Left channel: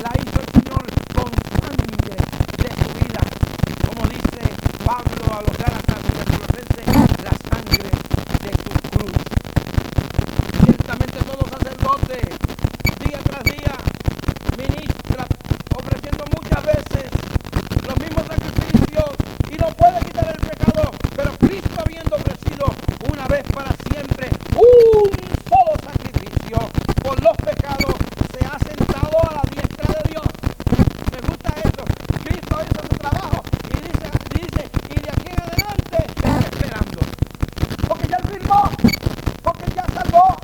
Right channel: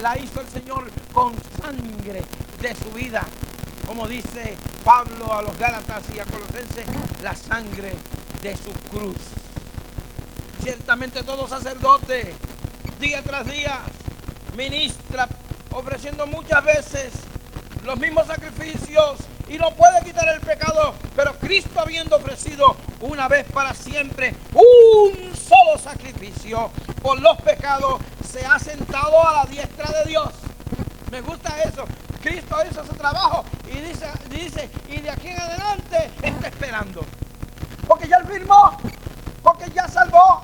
la hizo el Señor con sangre de su vida. Como dice Pablo a los Gálatas y a Colosenses, la sangre de su cruz. Ciertamente todo sacerdote, día tras día, ministra ofreciendo muchas veces los mismos sacrificios y no puede quitar el pecado, pero Cristo, habiendo ofrecido una vez para siempre un solo sacrificio por los pecados, se ha sentado a la diestra de Dios. Me gusta eso. Cristo hizo su trabajo y dice, y de aquí en adelante está esperando. Porque ya él firmó, porque ya salvó,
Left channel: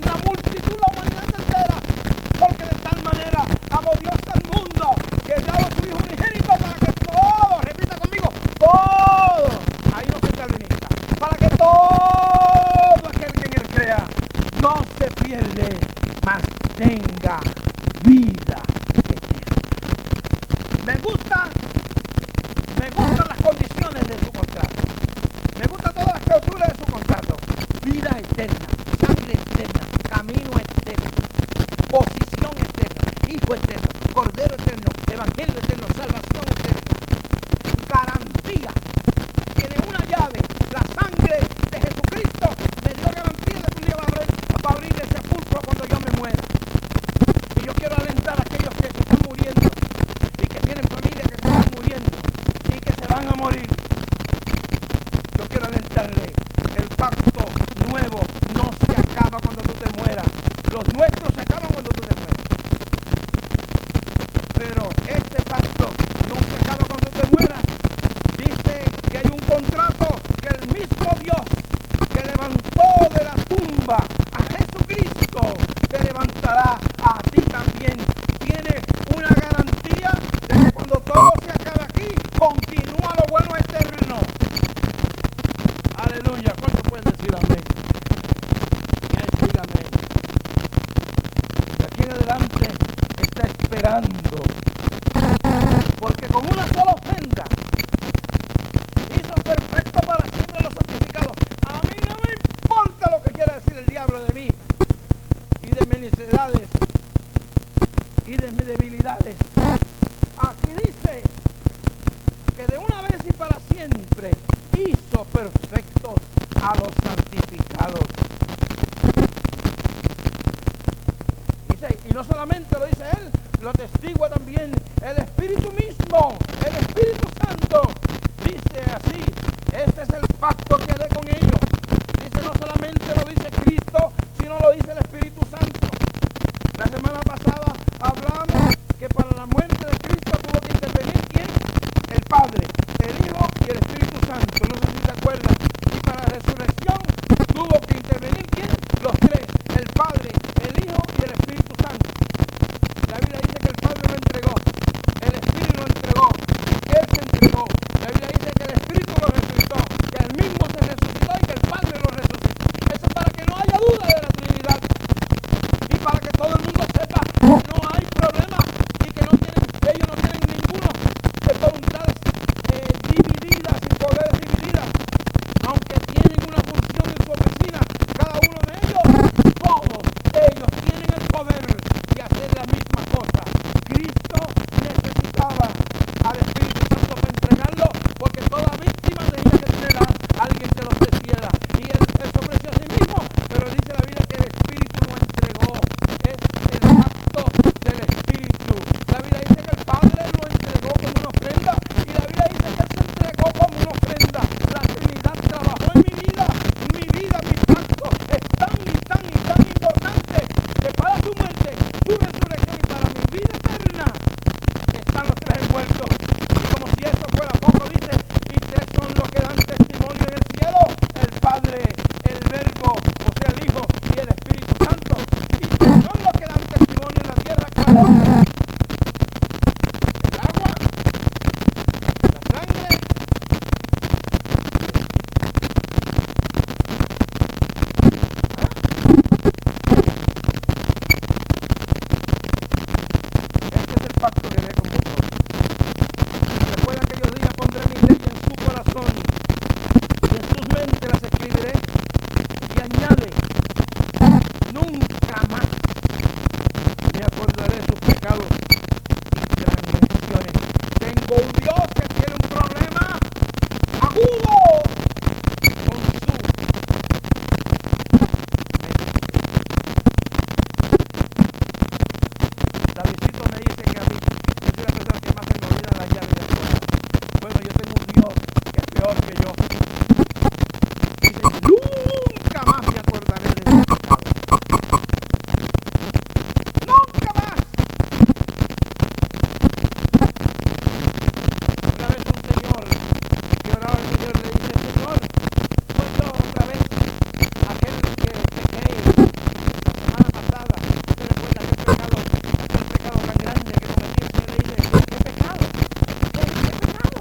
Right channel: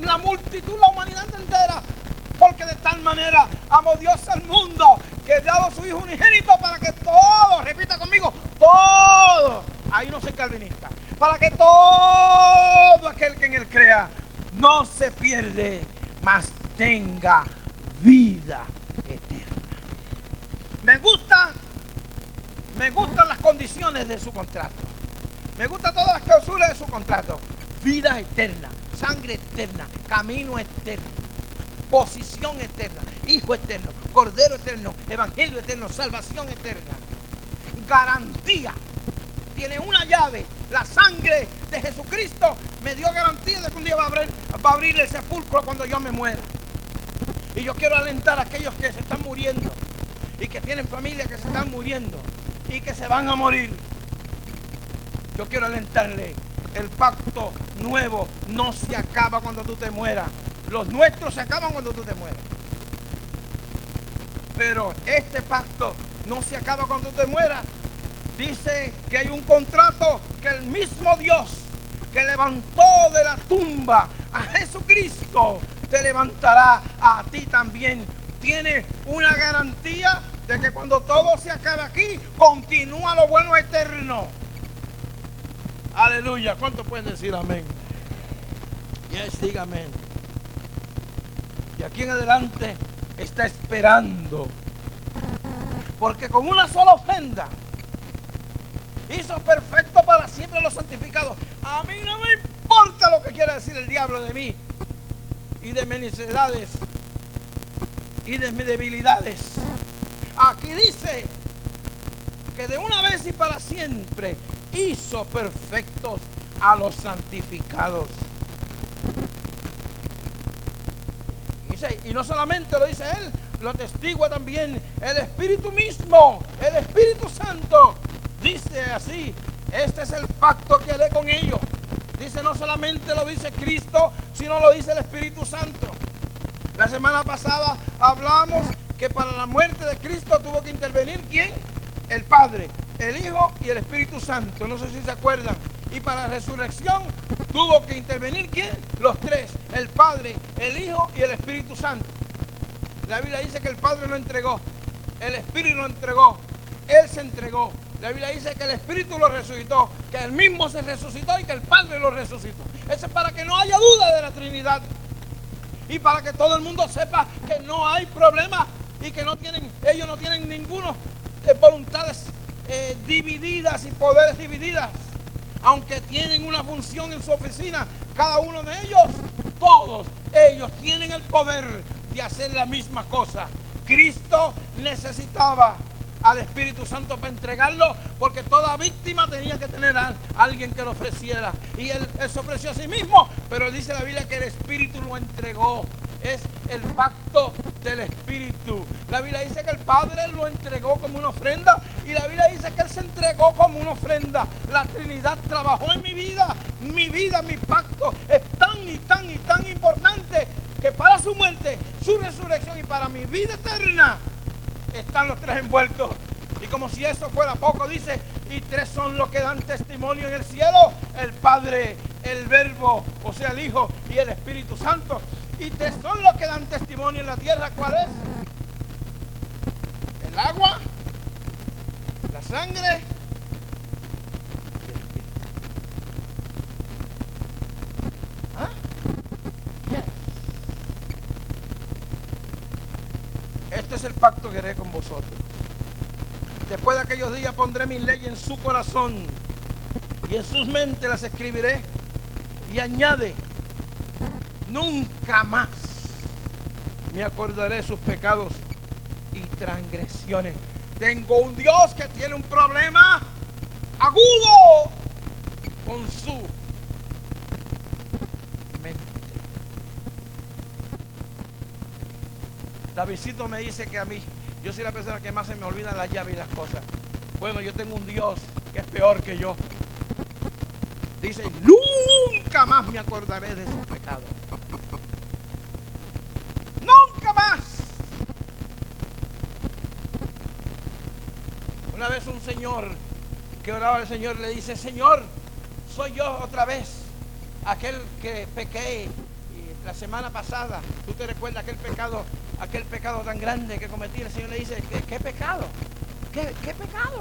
la multitud, la humanidad entera. Porque de tal manera amó Dios al mundo que ha dado a su Hijo unigénito para que todo, repita conmigo, todo, ahí no soy calvinista, para que todo aquel que en él crea no se pierde, mas tenga vida eterna. Me gustan las condiciones de su contrato. Me gustan todas las cláusulas de su contrato. Vida eterna, sangre eterna, camino eterno, posición eterna, hijo eterno, cordero eterno, evangelio eterno, salvación eterna. Garantía. Tiene una llave. La sangre de Jesucristo me dio garantía de que un día va a abrir el sepulcro cuando yo me muera. Y yo quiero alentar a aquellos que se están muriendo y que tienen familia que se están muriendo y que se van a morir. Yo quiero alentarle, el pacto nuevo no se acaba cuando tú te mueras. Los nuestros se acaban cuando tú te mueras. Pero este pacto no se acaba cuando tú te mueras. Dice que hay un contrato que el mismo Dios que levantó de la tumba a Jesucristo te levantará a ti también. Tiene una garantía de que cuando todo se acabe aquí, continúa lo bueno eterno. Aleluya. ¿Cuánto pueden decir amén? Y él siga amén. Y aquí en adelante está esperando. Porque con una sola ofrenda hizo perfecto para siempre los santificados. A mí no me importa lo que quiera decir el diablo de mí y de mis necesidades y de mis debilidades. Aquí dice que de una vez y para siempre hizo perfectos a los santificados. Dice, y no solamente lo dice él, lo atestigua también el Espíritu mismo, el Espíritu Santo. Dice así, este es el pacto que haré con ellos. Dice, no solamente lo dice Cristo, sino lo dice el Espíritu Santo. La semana pasada hablamos que para la muerte de Cristo tuvo que intervenir ¿quién? El Padre, el Hijo y el Espíritu Santo. No sé si se acuerdan. Y para la resurrección tuvo que intervenir ¿quién? Los tres, el Padre, el Hijo y el Espíritu Santo. La Biblia dice que el Padre lo entregó, el Espíritu lo entregó, Él se entregó. La Biblia dice que el Espíritu lo resucitó, que Él mismo se resucitó y que el Padre lo resucitó. Eso es para que no haya duda de la Trinidad. Y para que todo el mundo sepa que no hay problema y que ellos no tienen ninguno de voluntades divididas y poderes divididas. Aunque tienen una función en su oficina, cada uno de ellos, todos ellos tienen el poder de hacer la misma cosa. Cristo necesitaba al Espíritu Santo para entregarlo, porque toda víctima tenía que tener a alguien que lo ofreciera. Y él se ofreció a sí mismo, pero dice la Biblia que el Espíritu lo entregó. Es el pacto del Espíritu. La Biblia dice que el Padre lo entregó como una ofrenda, y la Biblia dice que Él se entregó como una ofrenda. La Trinidad trabajó en mi vida, mi pacto es tan y tan y tan importante que para su muerte, su resurrección y para mi vida eterna están los tres envueltos. Y como si eso fuera poco, dice, y tres son los que dan testimonio en el cielo: el Padre, el Verbo, o sea el Hijo, y el Espíritu Santo. Y tres son los que dan testimonio en la tierra. ¿Cuál es? El agua, la sangre. Este es el pacto que haré con vosotros. Después de aquellos días pondré mi ley en su corazón y en sus mentes las escribiré. Y añade, nunca más me acordaré de sus pecados y transgresiones. Tengo un Dios que tiene un problema agudo con su mente. Davidcito me dice que a mí, yo soy la persona que más se me olvidan las llaves y las cosas. Bueno, yo tengo un Dios que es peor que yo. Dice, nunca más me acordaré de sus pecados. Nunca más. Una vez un señor que oraba al Señor le dice, Señor, soy yo otra vez, aquel que pequé la semana pasada. ¿Usted recuerda aquel pecado tan grande que cometí? El Señor le dice, ¿qué pecado? ¿Qué pecado?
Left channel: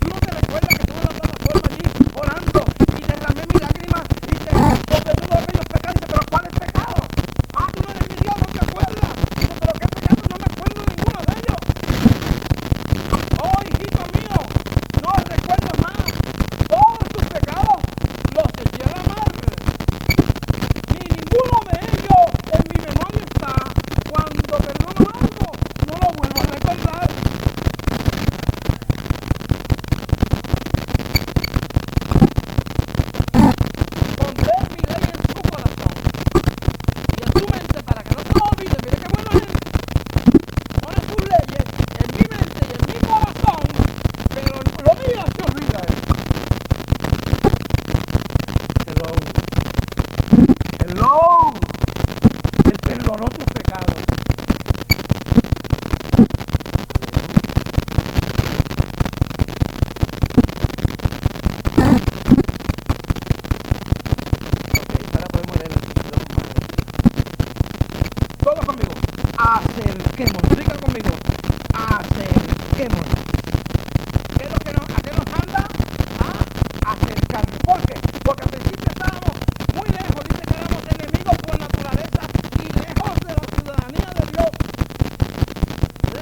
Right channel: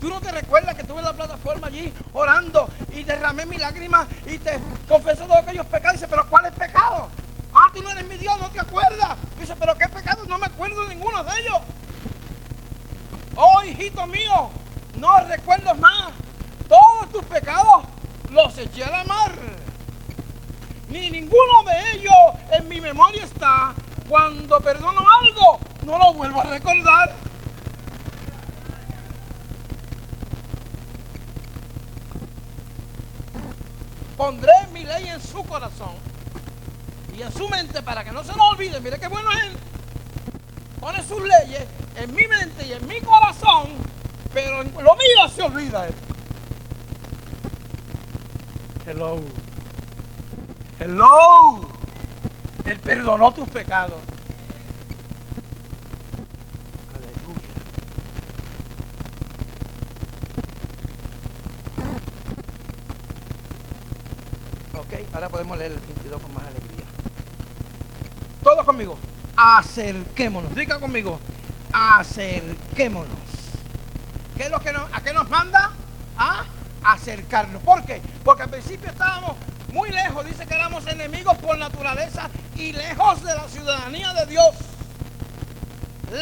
¿Tú no te recuerdas que estuve en la plataforma allí orando y derramé mi lágrima y te confesé todos aquellos pecados? Dice, ¿pero cuál es pecado? Ah, tú no eres mi Dios, no te acuerdas. Dice, ¿pero qué pecado? No me acuerdo de ninguno de ellos. Oh, hijito mío, no recuerdo más. Todos tus pecados los eché a la mar. Ni ninguno de ellos en mi memoria está. Cuando perdono algo, no lo vuelvo a recordar. Pondré mi ley en su corazón y en su mente para que no se lo olvide. Mire qué bueno es él. Pone sus leyes en mi mente y en mi corazón, pero lo mío se olvida él. Hello. Hello. Él perdonó tus pecados. Ahora podemos leer el 22 con más alegría. Todos conmigo. Acerquémonos. Diga conmigo. Acerquémonos. ¿Qué es lo que a qué nos manda? A acercarnos. ¿Por qué? Porque al principio estábamos muy lejos. Dice que éramos enemigos por naturaleza y lejos de la ciudadanía de Dios.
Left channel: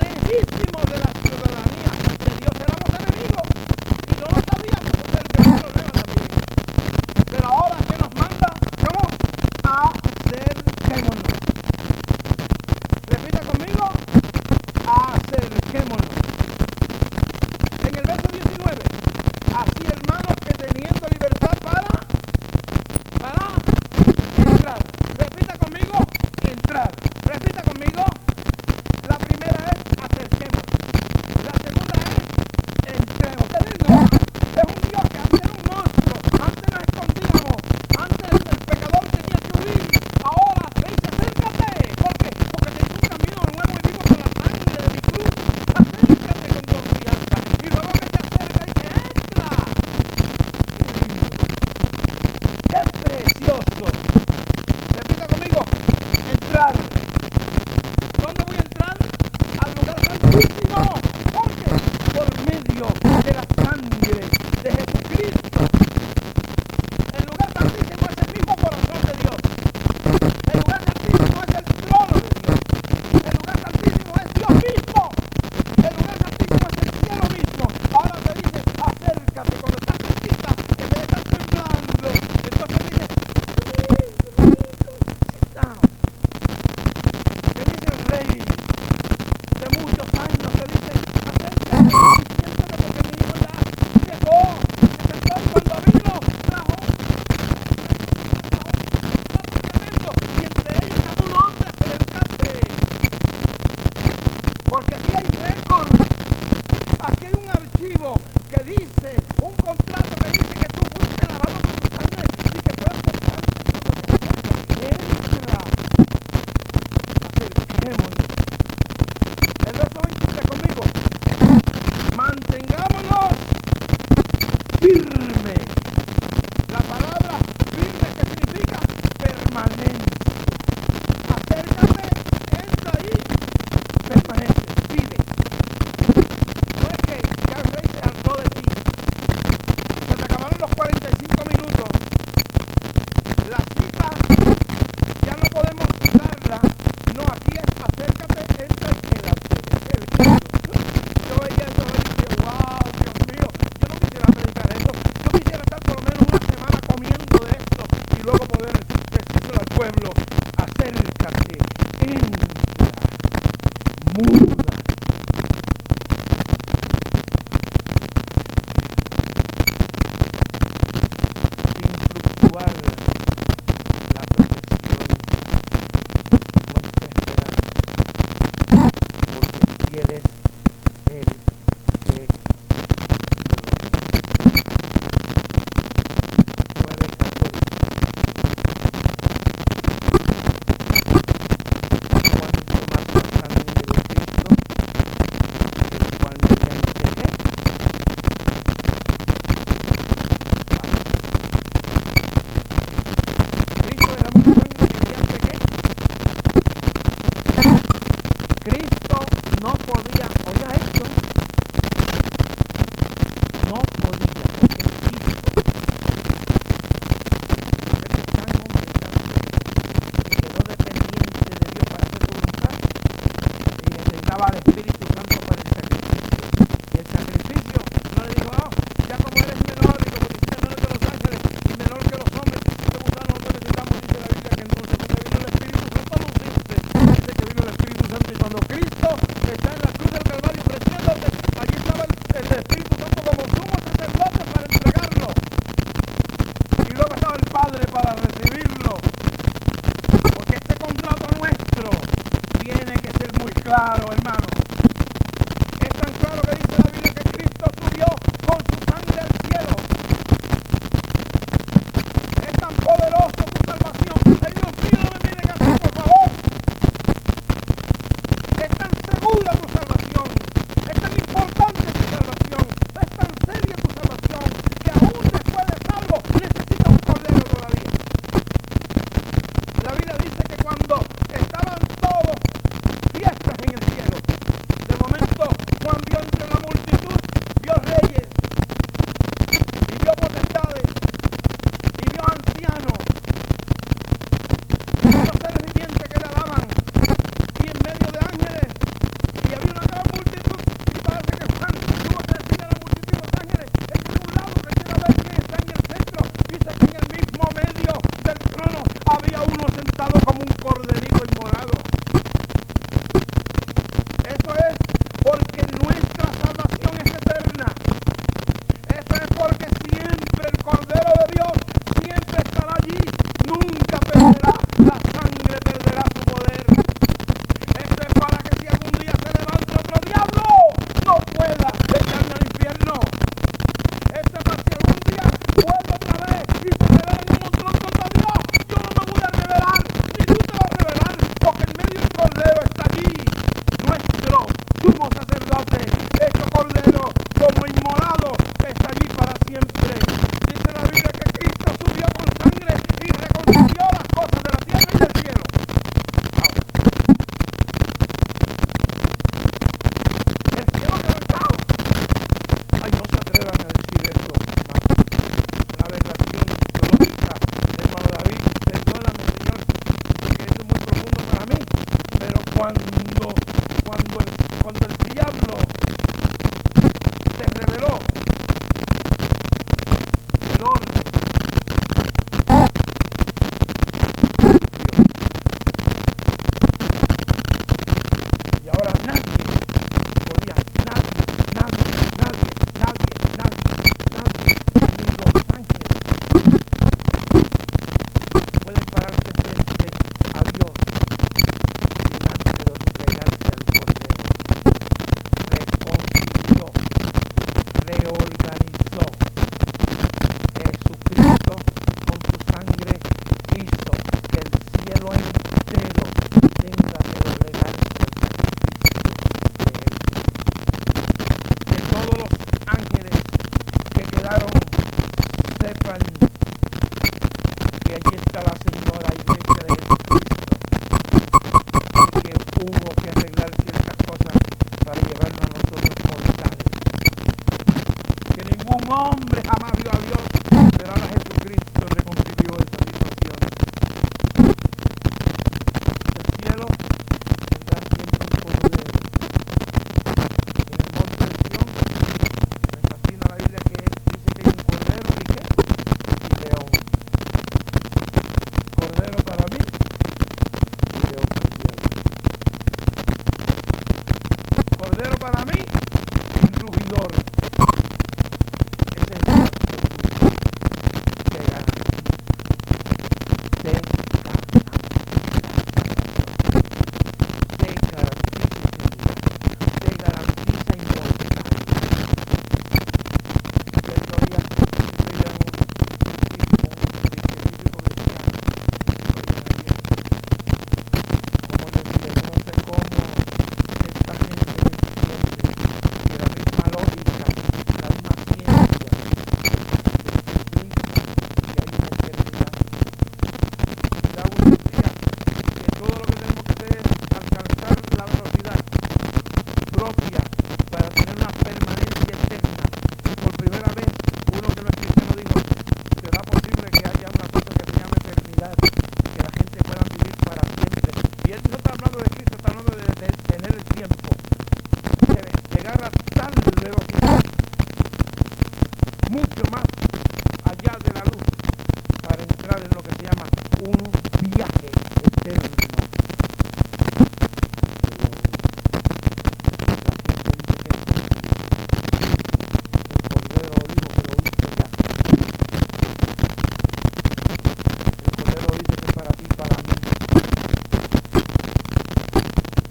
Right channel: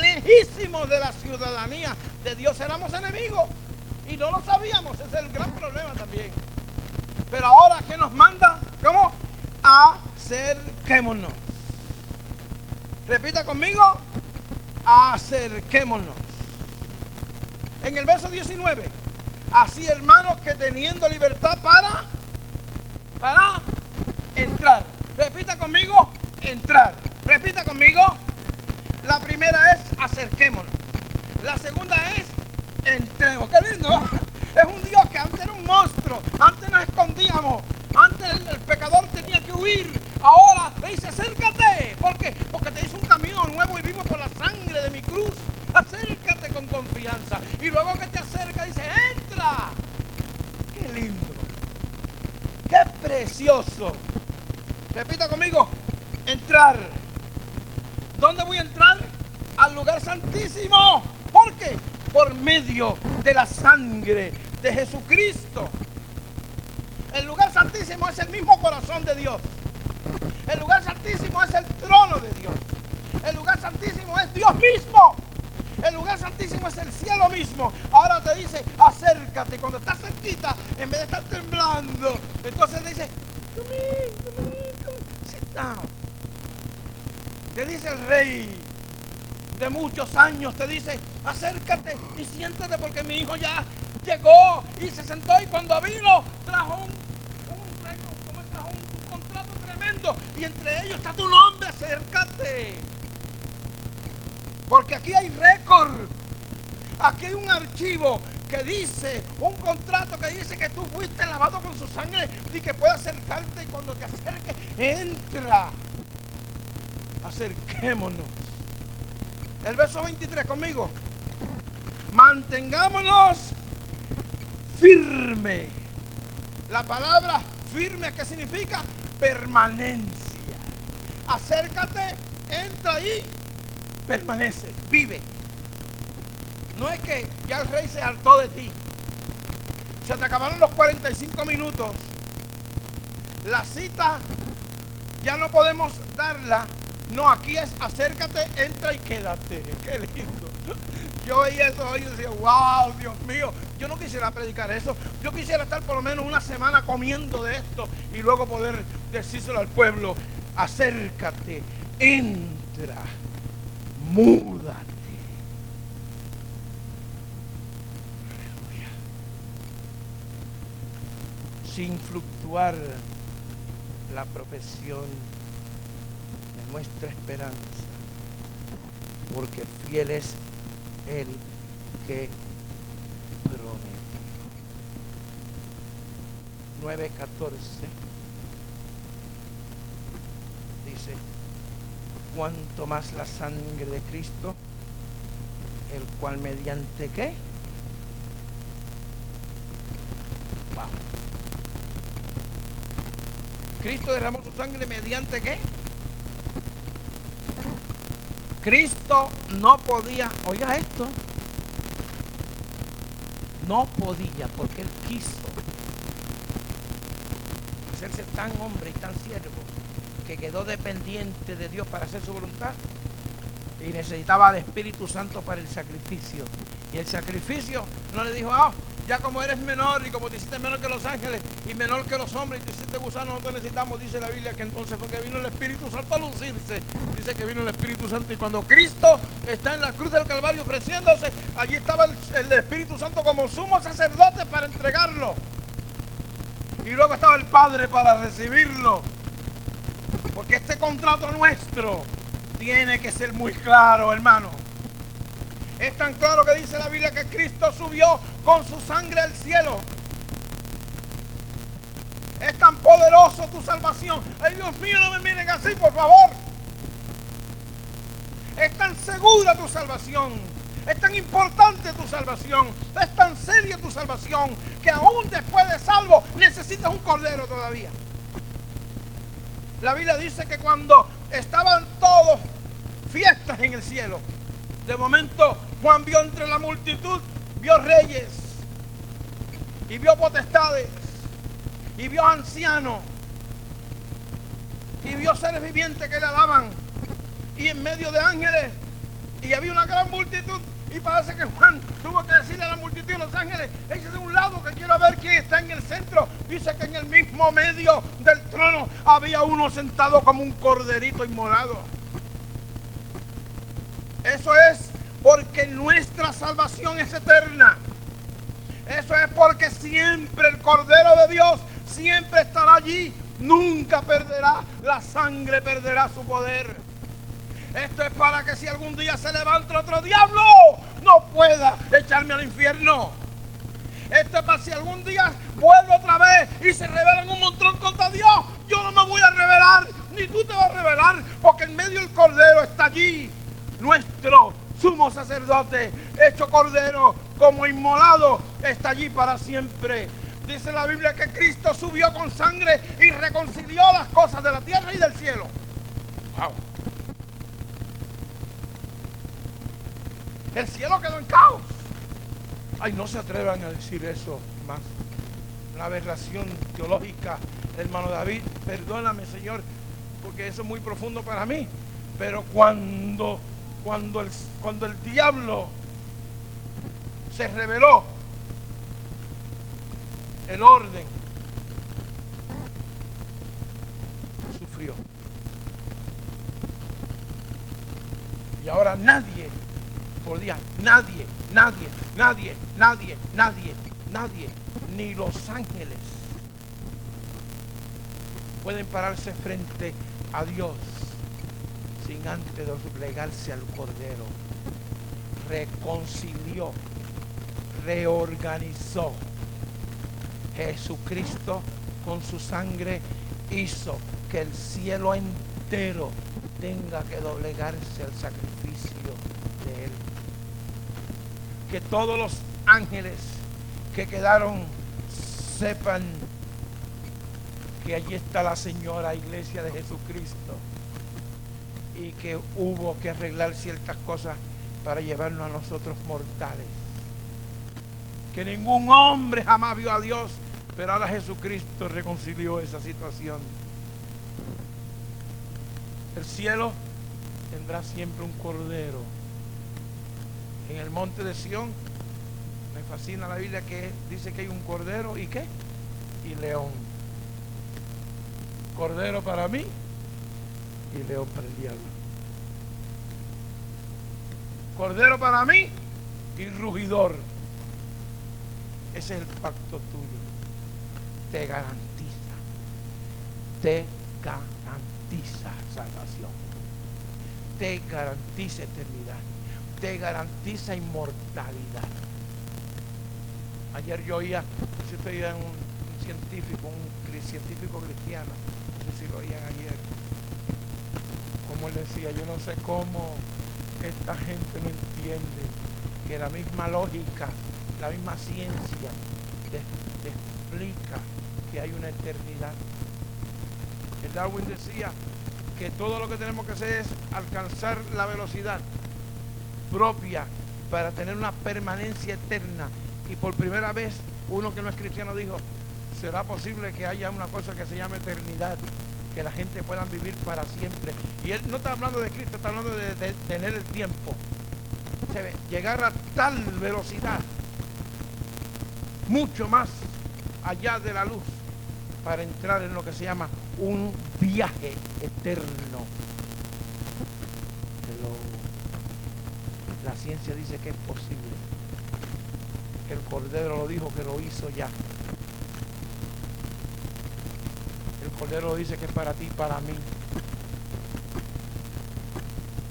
Lejísimos de la ciudadanía de Dios. Éramos enemigos y no lo sabíamos. Ese es el gran problema también. Pero ahora, ¿qué nos manda? ¿Cómo? Acerquémonos. Repita conmigo. Acerquémonos. En el verso 19. Así, hermanos, que teniendo libertad para entrar. Repita conmigo. Entrar. Repita conmigo. La primera es acerquémonos. La segunda es entremos. ¡Qué lindo! Es un Dios que antes era un monstruo. Antes nos escondíamos. Antes el pecador tenía que huir. Ahora te dice acércate. ¿Por qué? Porque te hizo un camino nuevo y vivo por la sangre de mi cruz. Acércate con confianza. Y luego que te acerca dice entra. ¡Qué lindo! ¡Qué precioso! Repita conmigo. Entrar. ¿Dónde voy a entrar? Al lugar santísimo. ¿Por qué? Por medio de la sangre de Jesucristo. El lugar santísimo es el mismo corazón de Dios. El lugar santísimo es el trono de Dios. El lugar santísimo es Dios mismo. El lugar santísimo es el cielo mismo. Ahora te dice, acércate. Cuando estás cerquita, en vez de estar temblando, entonces te dice, sit down. Te dice el rey de muchos años, te dice, acércate y siéntate porque mi hijo ya llegó y se sentó y cuando vino trajo un plato tremendo y entre ellos está tu nombre, acércate. Porque aquí hay récord, aquí hay un archivo que dice, un contrato que dice que tú fuiste lavado con su sangre y que puedes acercarte y cuando te acerques, entra. Acerquémonos. El verso 23 conmigo. Mantengámonos firme. La palabra firme, ¿qué significa? Permanencia. Acércate, entra ahí, permanece, vive. No es que ya el rey se hartó de ti. Se te acabaron los 45 minutos. La cita ya no podemos darla. No, aquí es acércate, entra y quédate. Qué lindo. Yo veía eso y decía, wow, Dios mío, yo no quisiera predicar eso. Yo quisiera estar por lo menos una semana comiendo de esto y luego poder decírselo al pueblo. acércate, entra, muda. Sin fluctuar la profesión, nuestra esperanza, porque fiel es el que promete. 9:14. Cuanto más la sangre de Cristo, el cual mediante ¿qué? Cristo derramó su sangre mediante ¿qué? Cristo no podía, oiga esto, no podía, porque él quiso hacerse tan hombre y tan serio que quedó dependiente de Dios para hacer su voluntad y necesitaba al Espíritu Santo para el sacrificio. Y el sacrificio no le dijo, ya como eres menor y como te hiciste menor que los ángeles y menor que los hombres, te hiciste gusano, nosotros necesitamos, dice la Biblia, que entonces porque vino el Espíritu Santo a lucirse. Dice que vino el Espíritu Santo y cuando Cristo está en la cruz del Calvario ofreciéndose, allí estaba el Espíritu Santo como sumo sacerdote para entregarlo. Y luego estaba el Padre para recibirlo. Porque este contrato nuestro tiene que ser muy claro, hermano. Es tan claro que dice la Biblia que Cristo subió con su sangre al cielo. Es tan poderoso tu salvación. Ay, Dios mío, no me miren así, por favor. Es tan segura tu salvación. Es tan importante tu salvación. Es tan seria tu salvación que aún después de salvo necesitas un cordero todavía. La Biblia dice que cuando estaban todos fiestas en el cielo, de momento Juan vio entre la multitud, vio reyes y vio potestades y vio ancianos y vio seres vivientes que le alaban y en medio de ángeles, y había una gran multitud, y parece que Juan tuvo que decirle a la multitud y los ángeles, es que de un lado que quiero ver quién está en el centro. Dice que en el mismo medio del trono había uno sentado como un corderito inmolado. Eso es porque nuestra salvación es eterna. Eso es porque siempre el Cordero de Dios siempre estará allí. Nunca perderá, la sangre perderá su poder. Esto es para que si algún día se levanta otro diablo, no pueda echarme al infierno. Esto es para si algún día vuelvo otra vez y se rebelan un montón contra Dios. Yo no me voy a rebelar, ni tú te vas a rebelar, porque en medio del Cordero está allí nuestro sumo sacerdote, hecho Cordero, como inmolado, está allí para siempre. Dice la Biblia que Cristo subió con sangre y reconcilió las cosas de la tierra y del cielo. El cielo quedó en caos. Ay, no se atrevan a decir eso, hermano. Una aberración teológica, hermano David. Perdóname, Señor, porque eso es muy profundo para mí. Pero cuando el diablo se rebeló, el orden sufrió. Y ahora nadie podía, nadie, ni los ángeles pueden pararse frente a Dios sin antes doblegarse al Cordero. Reconcilió, reorganizó. Jesucristo con su sangre hizo que el cielo entero tenga que doblegarse al sacrificio de Él. Que todos los ángeles que quedaron sepan que allí está la señora iglesia de Jesucristo y que hubo que arreglar ciertas cosas para llevarnos a nosotros mortales. Que ningún hombre jamás vio a Dios, pero ahora Jesucristo reconcilió esa situación. El cielo tendrá siempre un cordero. En el monte de Sión, me fascina la Biblia que dice que hay un cordero y ¿qué? Y león. Cordero para mí cordero para mí y rugidor. Ese es el pacto tuyo. Te garantiza salvación, te garantiza eternidad, te garantiza inmortalidad. Ayer yo oía un científico cristiano, si lo oían ayer, como él decía, yo no sé cómo esta gente no entiende que la misma lógica, la misma ciencia explica que hay una eternidad. Darwin decía que todo lo que tenemos que hacer es alcanzar la velocidad propia para tener una permanencia eterna. Y por primera vez, uno que no es cristiano dijo, ¿será posible que haya una cosa que se llame eternidad? Que la gente pueda vivir para siempre. Y él no está hablando de Cristo, está hablando de tener el tiempo. Llegar a tal velocidad, mucho más allá de la luz, para entrar en lo que se llama un viaje eterno. Pero la ciencia dice que es posible, que el Cordero lo dijo, que lo hizo ya. El Cordero dice que es para ti y para mí.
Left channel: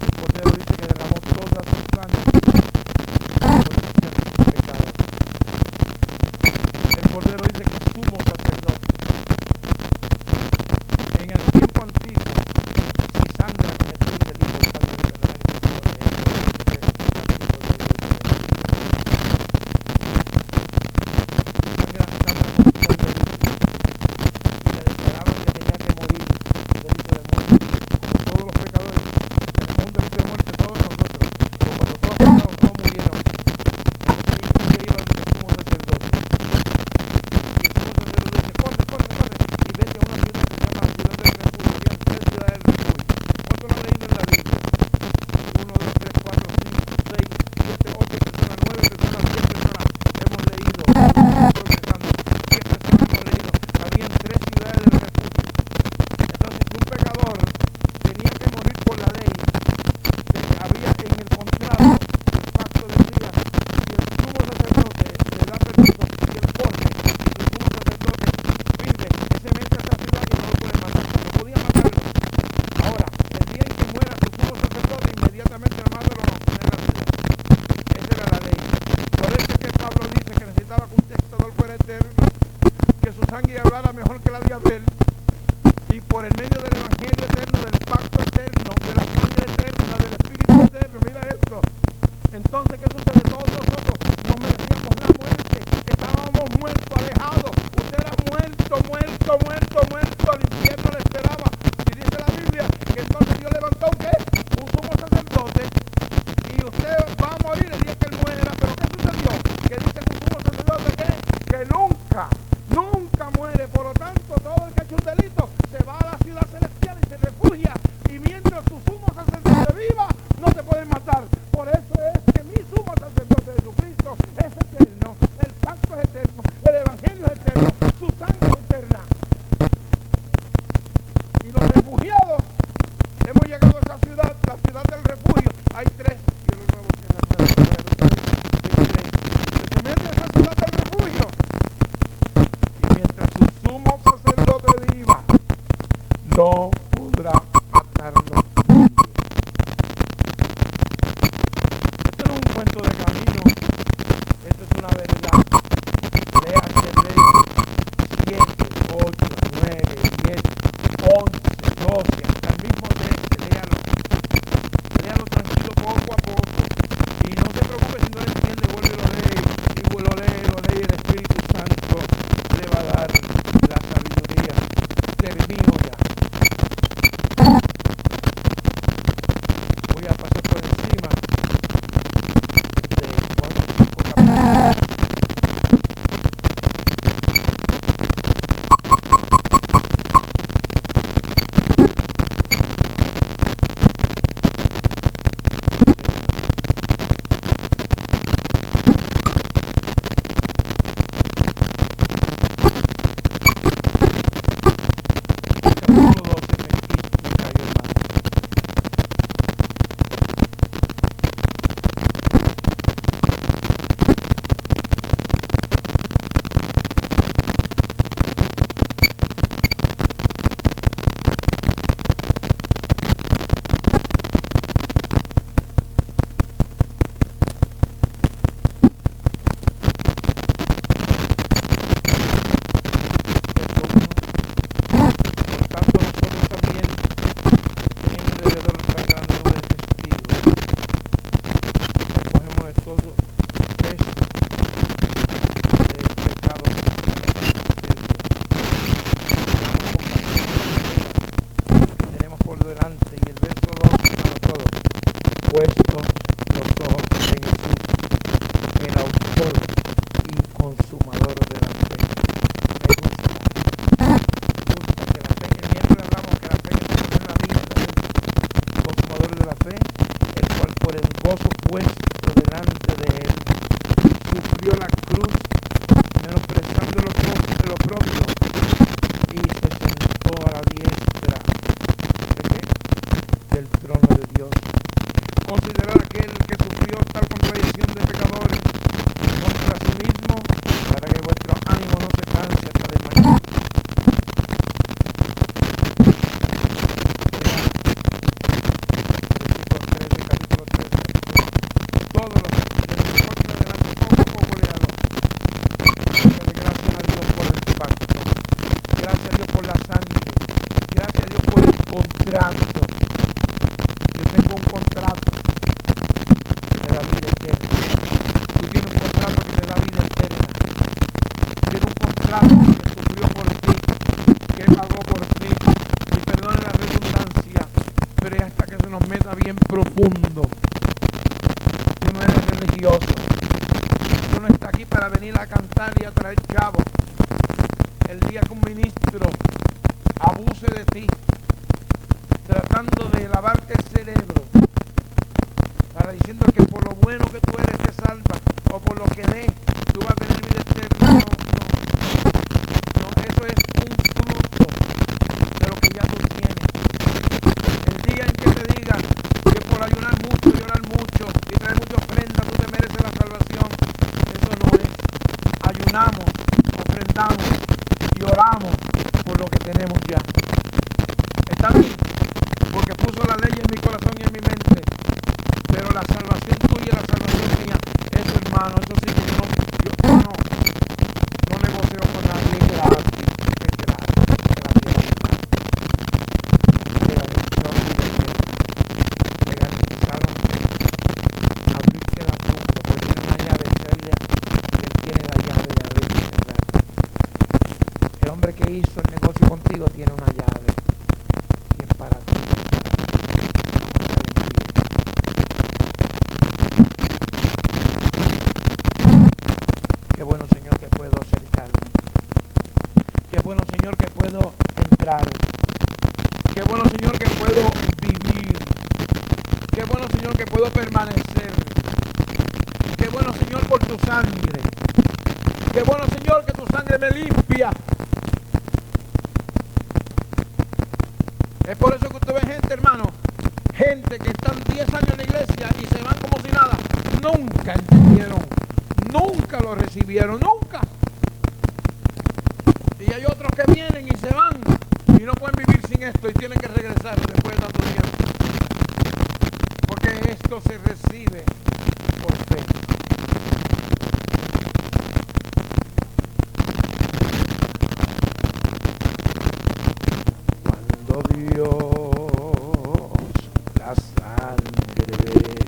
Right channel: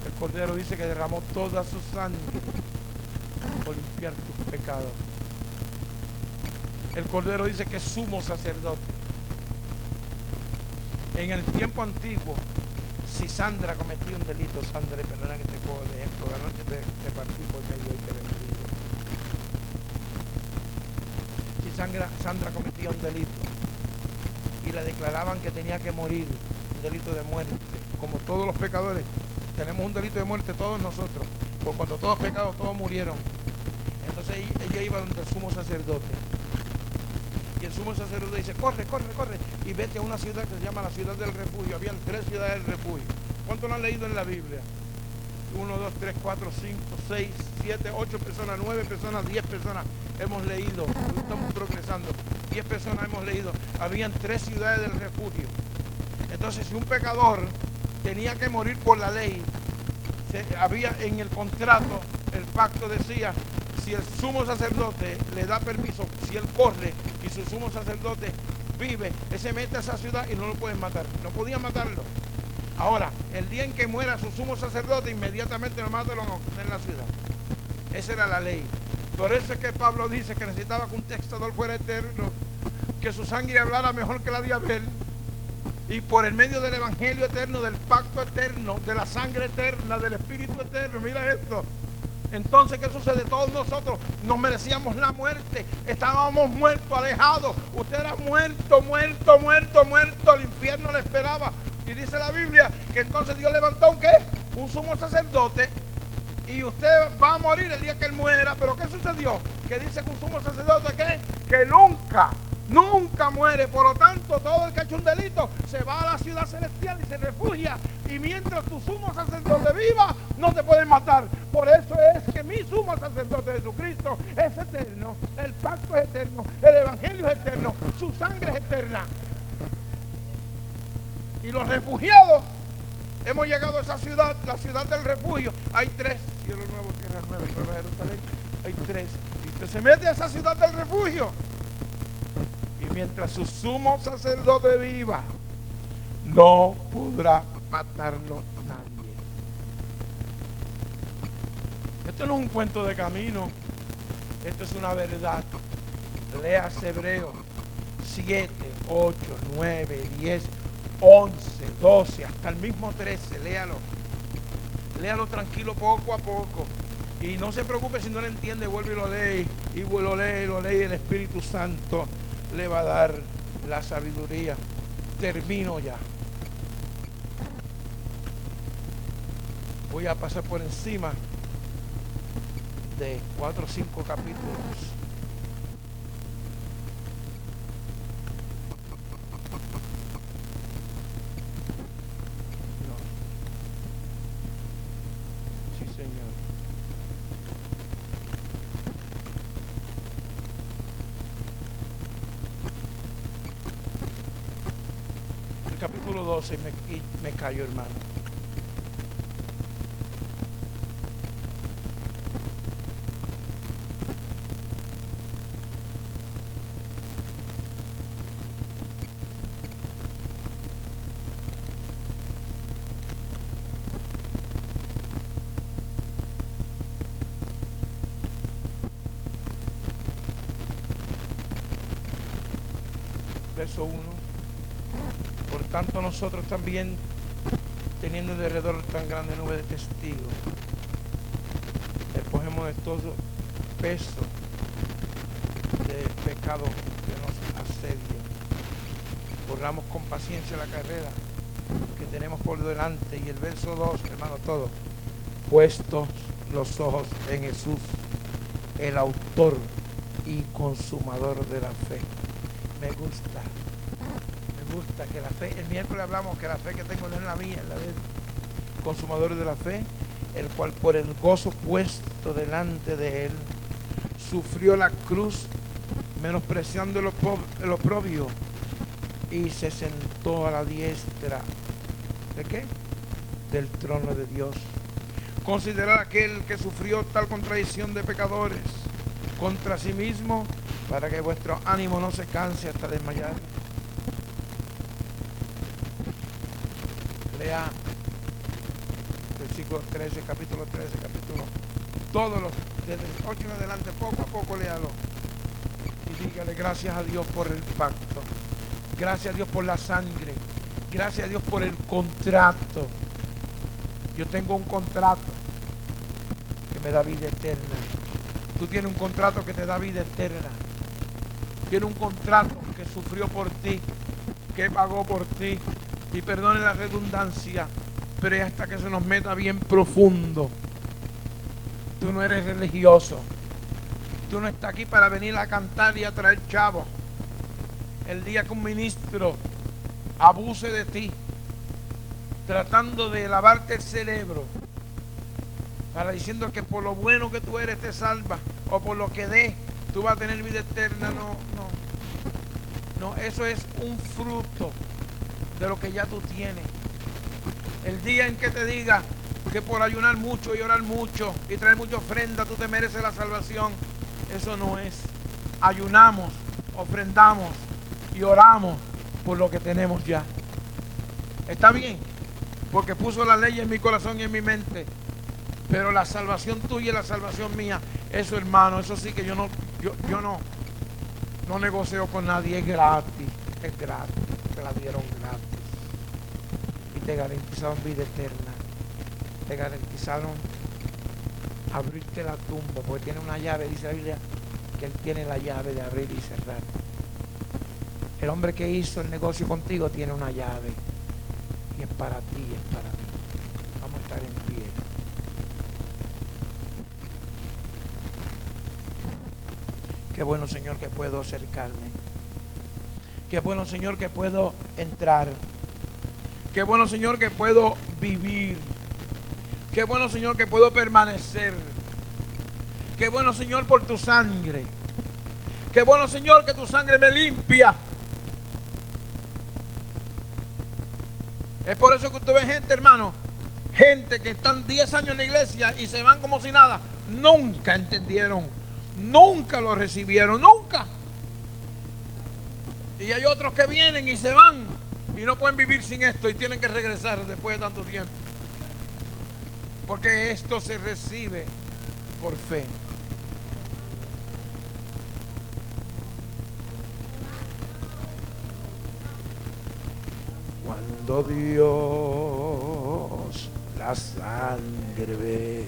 El Cordero dice que derramó toda su sangre por limpiar tus pecados. El Cordero dice que es sumo sacerdote. En el tiempo antiguo, si Sandra cometía un delito, Sandra, ¿verdad que te puedo leer? Sandra cometía un delito y le declaraban que tenía que morir, un delito de muerte. Como todos los pecadores, tenemos un delito de muerte todos nosotros, pero cuando todos pecados, todos murieron. Entonces ella iba donde el sumo sacerdote. Y el sumo sacerdote dice, corre, corre, corre, y vete a una ciudad que se llama la ciudad del refugio. Habían 3 ciudades del refugio. ¿Cuánto lo han leído en la Biblia? 1, 2, 3, 4, 5, 6, 7, 8 personas, 9 personas, 10 personas hemos leído. Estamos progresando. 10 personas hemos leído. Habían 3 ciudades del refugio. Entonces, si un pecador tenía que morir por la ley, había en el contrato, el pacto decía, si el sumo sacerdote le da permiso, si él corre y si el sumo sacerdote vive, él se mete a esa ciudad y no lo pueden matar. No podían matarlo. Ahora, el día en que muera su sumo sacerdote, inmediatamente lo matan en la ciudad. Esa era la ley. Por eso es que Pablo dice que necesitaba que un textador fuera eterno, que su sangre hablara mejor que la de Abel, y por el medio del evangelio eterno, del pacto eterno, de la sangre eterna, del espíritu eterno. Mira esto. Entonces, ¿qué sucede? Todos nosotros nos merecíamos la muerte. Estábamos muertos, alejados. Usted era muerto, muerto, muerto, muerto. El infierno le esperaba. Y dice la Biblia que entonces Dios levantó un ¿qué? Un sumo sacerdote. Y usted va a morir el día que él muera. ¿Pero qué sucedió? Que dice que un sumo sacerdote ¿qué? Que nunca muere. Por lo tanto, todo el que ha hecho un delito se va a la ciudad celestial y se refugia. Y mientras tu sumo sacerdote viva, no te pueden matar. Por eso es que mi sumo sacerdote Jesucristo es eterno. El pacto es eterno. El evangelio es eterno. Su sangre es eterna. Y los refugiados, hemos llegado a esa ciudad, la ciudad del refugio. Hay 3. Hay 3. Se mete a esa ciudad del refugio. Y mientras su sumo sacerdote viva, no podrá matarlo. Esto no es un cuento de camino, esto es una verdad. Léase Hebreos 7, 8, 9, 10, 11, 12, hasta el mismo 13, léalo. Léalo tranquilo poco a poco. Y no se preocupe si no lo entiende, vuelve y lo lee. Y lo lee, el Espíritu Santo le va a dar la sabiduría. Termino ya. Voy a pasar por encima de 4 o 5 capítulos. tanto nosotros también, teniendo alrededor tan grande número de testigos, recogemos de todo peso de pecado que nos asedia. Jugamos con paciencia la carrera que tenemos por delante. Y el verso 2, hermano, todo. Puestos los ojos en Jesús, el autor y consumador de la fe. Me gusta que la fe, el miércoles hablamos que la fe que tengo en la vida es el consumador de la fe, el cual por el gozo puesto delante de él sufrió la cruz, menospreciando el oprobio, y se sentó a la diestra ¿de qué? Del trono de Dios. Considerad aquel que sufrió tal contradicción de pecadores contra sí mismo, para que vuestro ánimo no se canse hasta desmayar. Lea versículo 13, capítulo 13, todos los, desde el 8 en adelante, poco a poco léalo. Dígale gracias a Dios por el pacto, gracias a Dios por la sangre, gracias a Dios por el contrato. Yo tengo un contrato que me da vida eterna. Tú tienes un contrato que te da vida eterna. Tienes un contrato que sufrió por ti, que pagó por ti. Y perdone la redundancia, pero es hasta que se nos meta bien profundo. Tú no eres religioso. Tú no estás aquí para venir a cantar y a traer chavos. El día que un ministro abuse de ti, tratando de lavarte el cerebro, para diciendo que por lo bueno que tú eres te salva, o por lo que dé tú vas a tener vida eterna. No, eso es un fruto de lo que ya tú tienes. El día en que te diga que por ayunar mucho y orar mucho y traer mucha ofrenda tú te mereces la salvación, eso no es. Ayunamos, ofrendamos y oramos por lo que tenemos ya. ¿Está bien? Porque puso la ley en mi corazón y en mi mente. Pero la salvación tuya y la salvación mía, eso, hermano, eso sí que yo no negocio con nadie. Es gratis, que la dieron gratis. Le garantizaron vida eterna. Le garantizaron abrirte la tumba, porque tiene una llave, dice la Biblia, que él tiene la llave de abrir y cerrar. El hombre que hizo el negocio contigo tiene una llave, y es para ti. Qué bueno, Señor, que puedo acercarme. Qué bueno, Señor, que puedo entrar. Qué bueno, Señor, que puedo vivir. Qué bueno, Señor, que puedo permanecer. Qué bueno, Señor, por tu sangre. Qué bueno, Señor, que tu sangre me limpia. Es por eso que usted ve gente, hermano, gente que están 10 años en la iglesia y se van como si nada. Nunca entendieron. Nunca lo recibieron, nunca. Y hay otros que vienen y se van y no pueden vivir sin esto y tienen que regresar después de tanto tiempo. Porque esto se recibe por fe. Cuando Dios la sangre ve,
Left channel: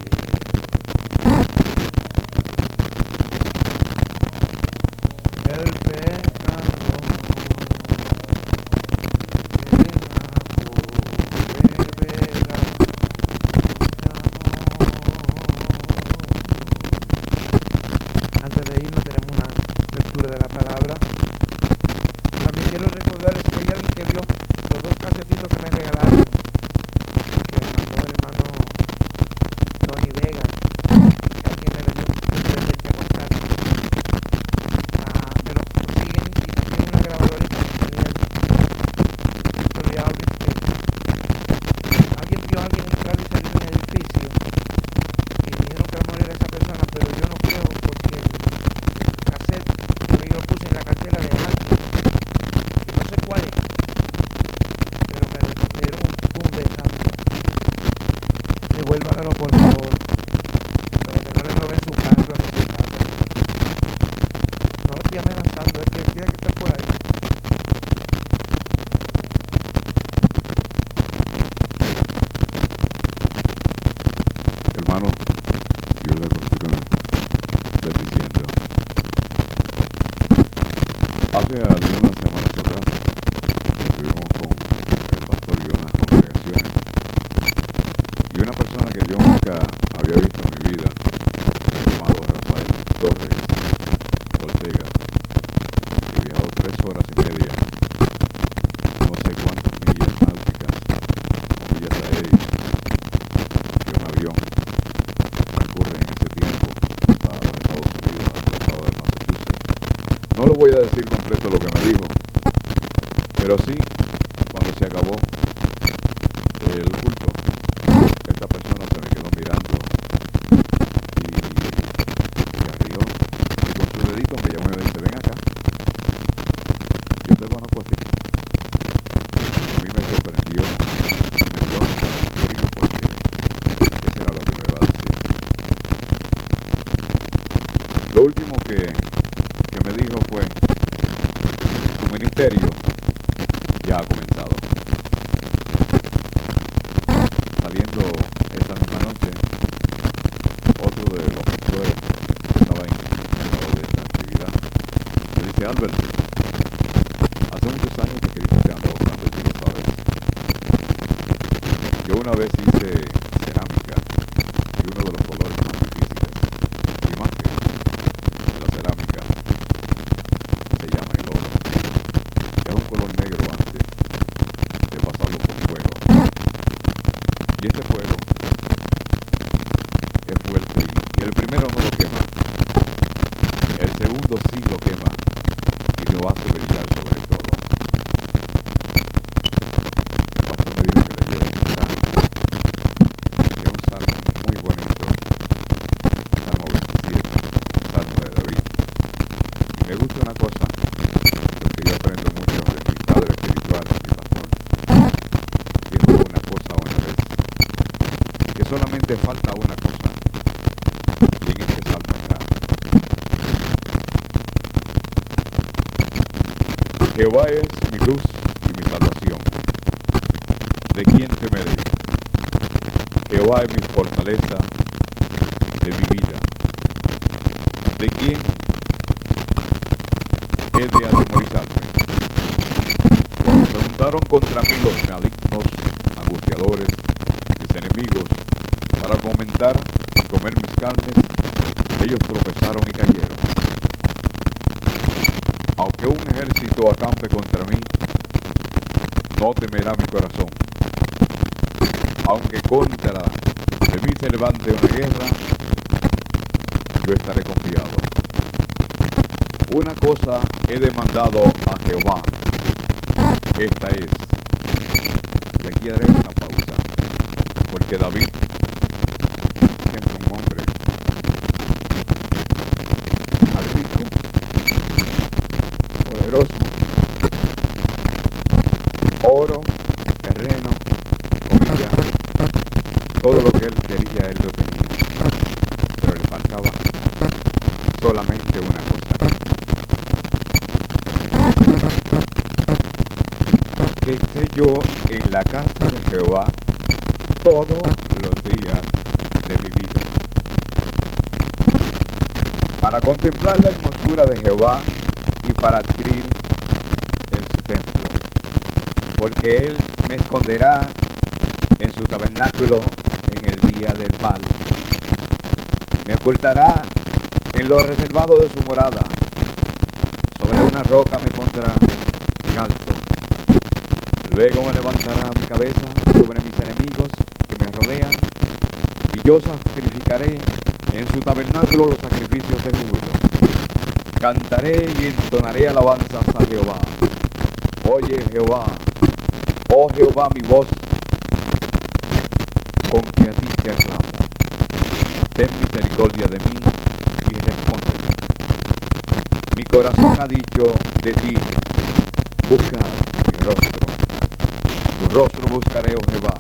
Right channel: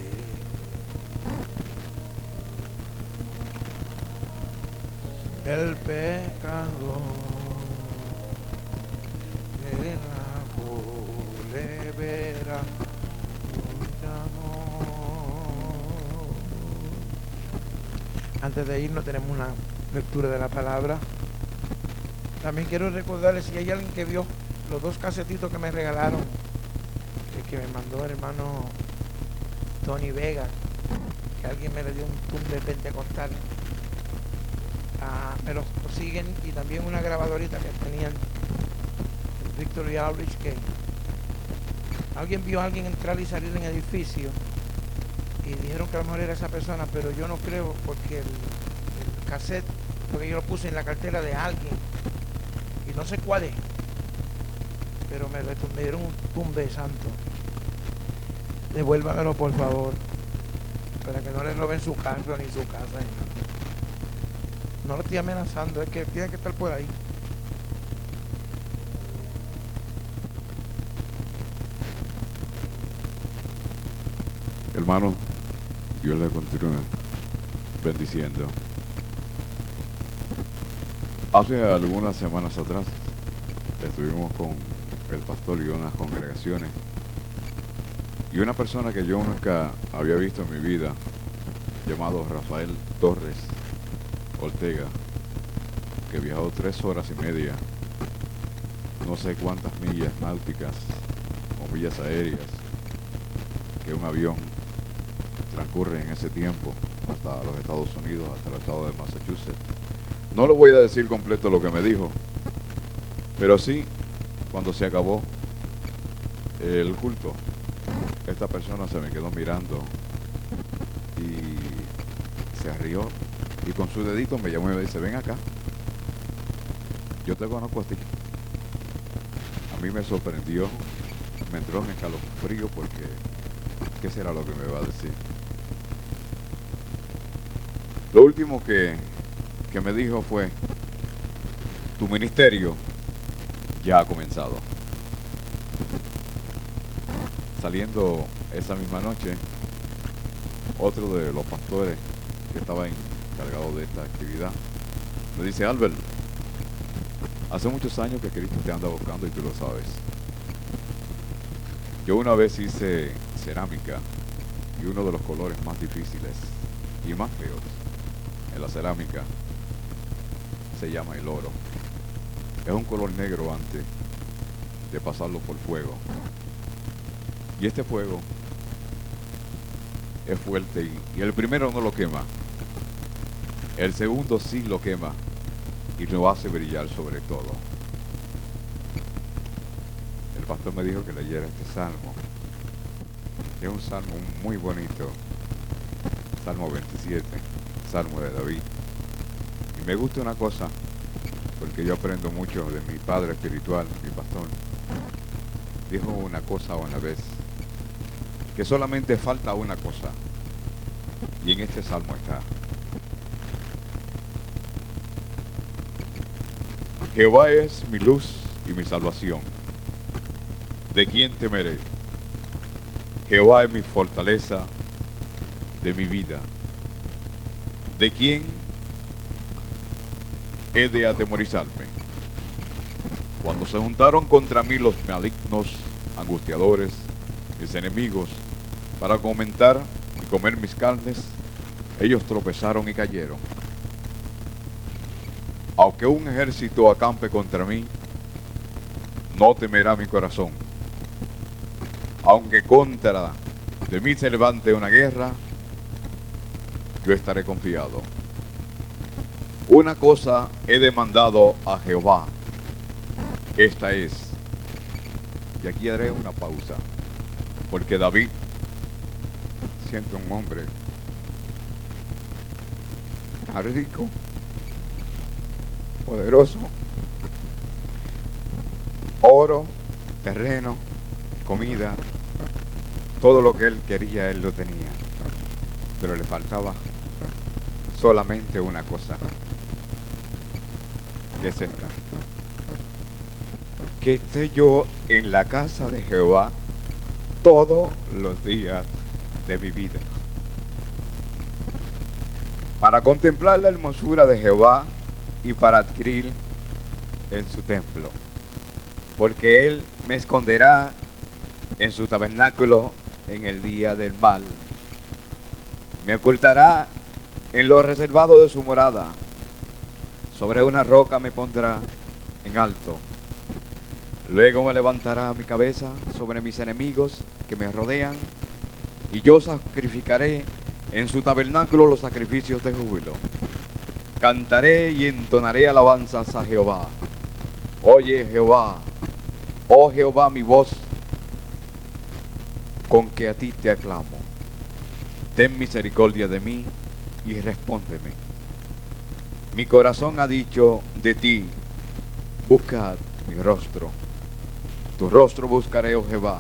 el pecado que la beberá. Antes de irnos tenemos una lectura de la palabra. También quiero recordarles que hay alguien que vio los 2 casetitos que me regalaron, que me mandó el hermano Tony Vega, que alguien me le dio un presente a contar. Me lo consiguen, y también una grabadorita que tenía Victoria Auris, que alguien vio a alguien entrar y salir en el edificio y dijeron que a lo mejor era esa persona, pero yo no creo, porque el cassette, porque yo lo puse en la cartera de alguien y no sé cuál es, pero me dieron un tumbe santo. Devuélvanlo, por favor, para que no le roben su carro ni su casa. No lo estoy amenazando, es que tiene que estar por ahí. Hermano, Dios le continúe bendiciendo. Hace algunas semanas atrás estuvimos con el pastor y unas congregaciones, y una persona que yo nunca había visto en mi vida, llamado Rafael Torres Ortega, que viajó 3 horas y media, no sé cuántas millas náuticas o millas aéreas que un avión transcurre en ese tiempo hasta los Estados Unidos, hasta el estado de Massachusetts. No lo voy a decir completo lo que me dijo, pero sí, cuando se acabó el culto, esta persona se me quedó mirando y se rió, y con su dedito me llamó y me dice: ven acá, yo te conozco a ti. A mí me sorprendió, me entró un escalofrío porque ¿qué será lo que me va a decir? Lo último que me dijo fue: tu ministerio ya ha comenzado. Saliendo esa misma noche, otro de los pastores que estaba encargado de esta actividad me dice: Albert, hace muchos años que Cristo te anda buscando y tú lo sabes. Yo una vez hice cerámica, y uno de los colores más difíciles y más feos de la cerámica se llama el oro. Es un color negro antes de pasarlo por fuego. Y este fuego es fuerte, y el primero no lo quema, el segundo sí lo quema y lo hace brillar sobre todo. El pastor me dijo que leyera este salmo, que es un salmo muy bonito, Salmo 27, Salmo de David. Y me gusta una cosa, porque yo aprendo mucho de mi padre espiritual, mi pastor. Dijo una cosa una vez, que solamente falta una cosa, y en este salmo está: Jehová es mi luz y mi salvación, ¿de quién temeré? Jehová es mi fortaleza de mi vida, ¿de quién he de atemorizarme? Cuando se juntaron contra mí los malignos, angustiadores, mis enemigos, para comer mis carnes, ellos tropezaron y cayeron. Aunque un ejército acampe contra mí, no temerá mi corazón. Aunque contra de mí se levante una guerra, yo estaré confiado. Una cosa he demandado a Jehová, esta es, y aquí haré una pausa, porque David, siendo un hombre rico, poderoso, oro, terreno, comida, todo lo que él quería, él lo tenía, pero le faltaba solamente una cosa: que esté yo en la casa de Jehová todos los días de mi vida, para contemplar la hermosura de Jehová y para adquirir en su templo, porque él me esconderá en su tabernáculo en el día del mal, me ocultará en lo reservado de su morada, sobre una roca me pondrá en alto, luego me levantará mi cabeza sobre mis enemigos que me rodean, y yo sacrificaré en su tabernáculo los sacrificios de júbilo. Cantaré y entonaré alabanzas a Jehová. Oye Jehová, oh Jehová, mi voz, con que a ti te aclamo. Ten misericordia de mí y respóndeme. Mi corazón ha dicho de ti: buscad mi rostro. Tu rostro buscaré, oh Jehová.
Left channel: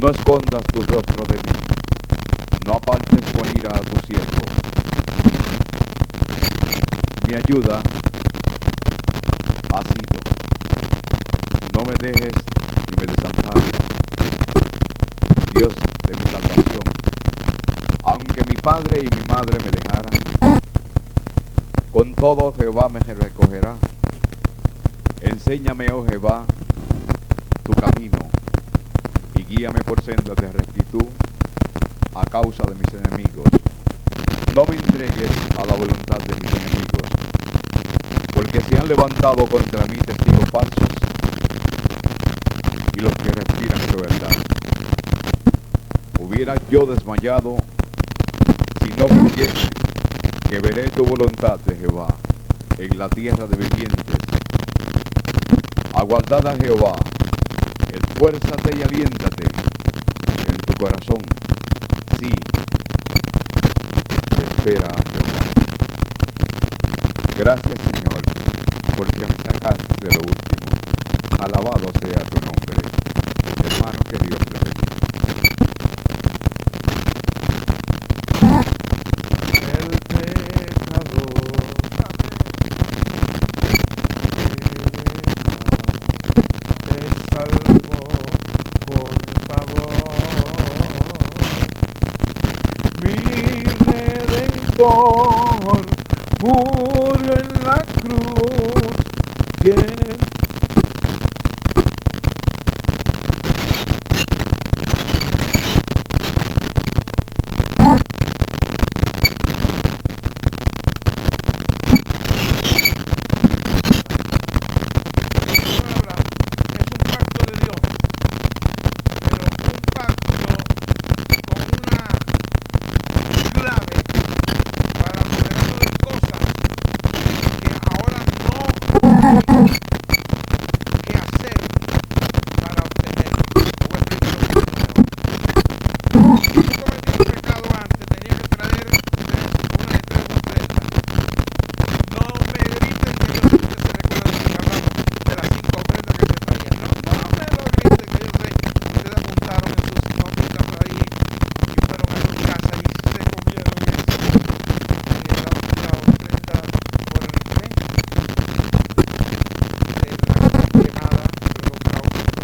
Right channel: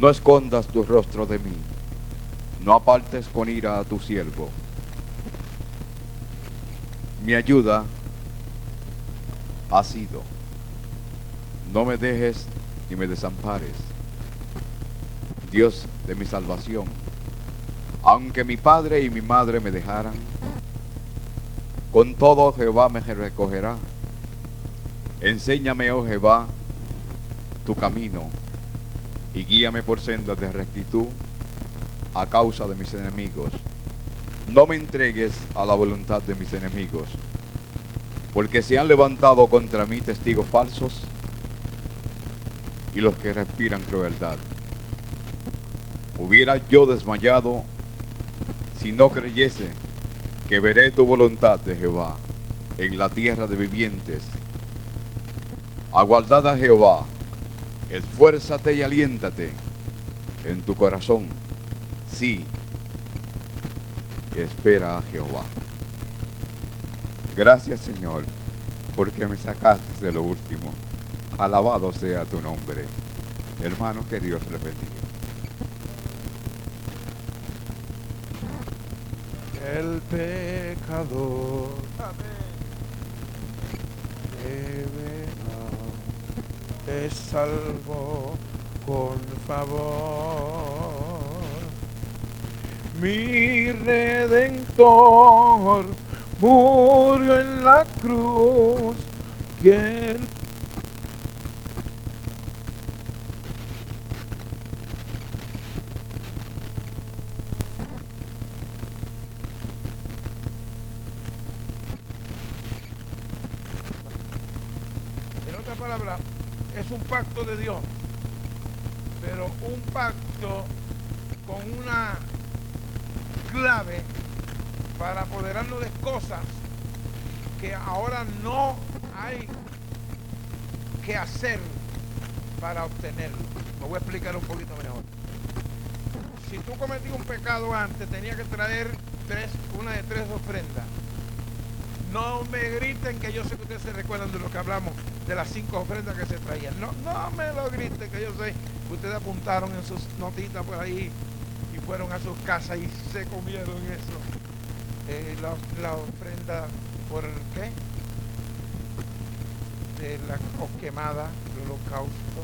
No escondas tu rostro de mí. No apartes con ira a tu siervo. Mi ayuda ha sido: no me dejes ni me desampares, Dios de mi salvación. Aunque mi padre y mi madre me dejaran, con todo Jehová me recogerá. Enséñame, oh Jehová, tu camino, y guíame por sendas de rectitud a causa de mis enemigos. No me entregues a la voluntad de mis enemigos, porque se han levantado contra mí testigos falsos y los que respiran crueldad. Hubiera yo desmayado si no creyese que veré tu voluntad de Jehová en la tierra de vivientes. Aguardad a Jehová, esfuérzate y aliéntate en tu corazón. Sí, espera a Jehová. Gracias, Señor, porque me sacaste de lo último. Alabado sea tu nombre. Hermano, que Dios te bendiga. El pecador te salvó con favor. Mi Redentor murió en la cruz. ¿Quién? Es un pacto de Dios, pero un pacto con una clave para apoderarnos de cosas que ahora no tenemos que hacer para obtener. Te voy a explicar un poquito mejor. Si tú cometías un pecado antes, tenías que traer una de tres ofrendas. No me griten que yo sé que se recuerda de lo que hablamos de las 5 ofrendas que se traían. No me lo griten que yo sé que ustedes apuntaron en sus notitas por ahí y fueron a su casa y se comieron la ofrenda por el fe de la quemada, el holocausto,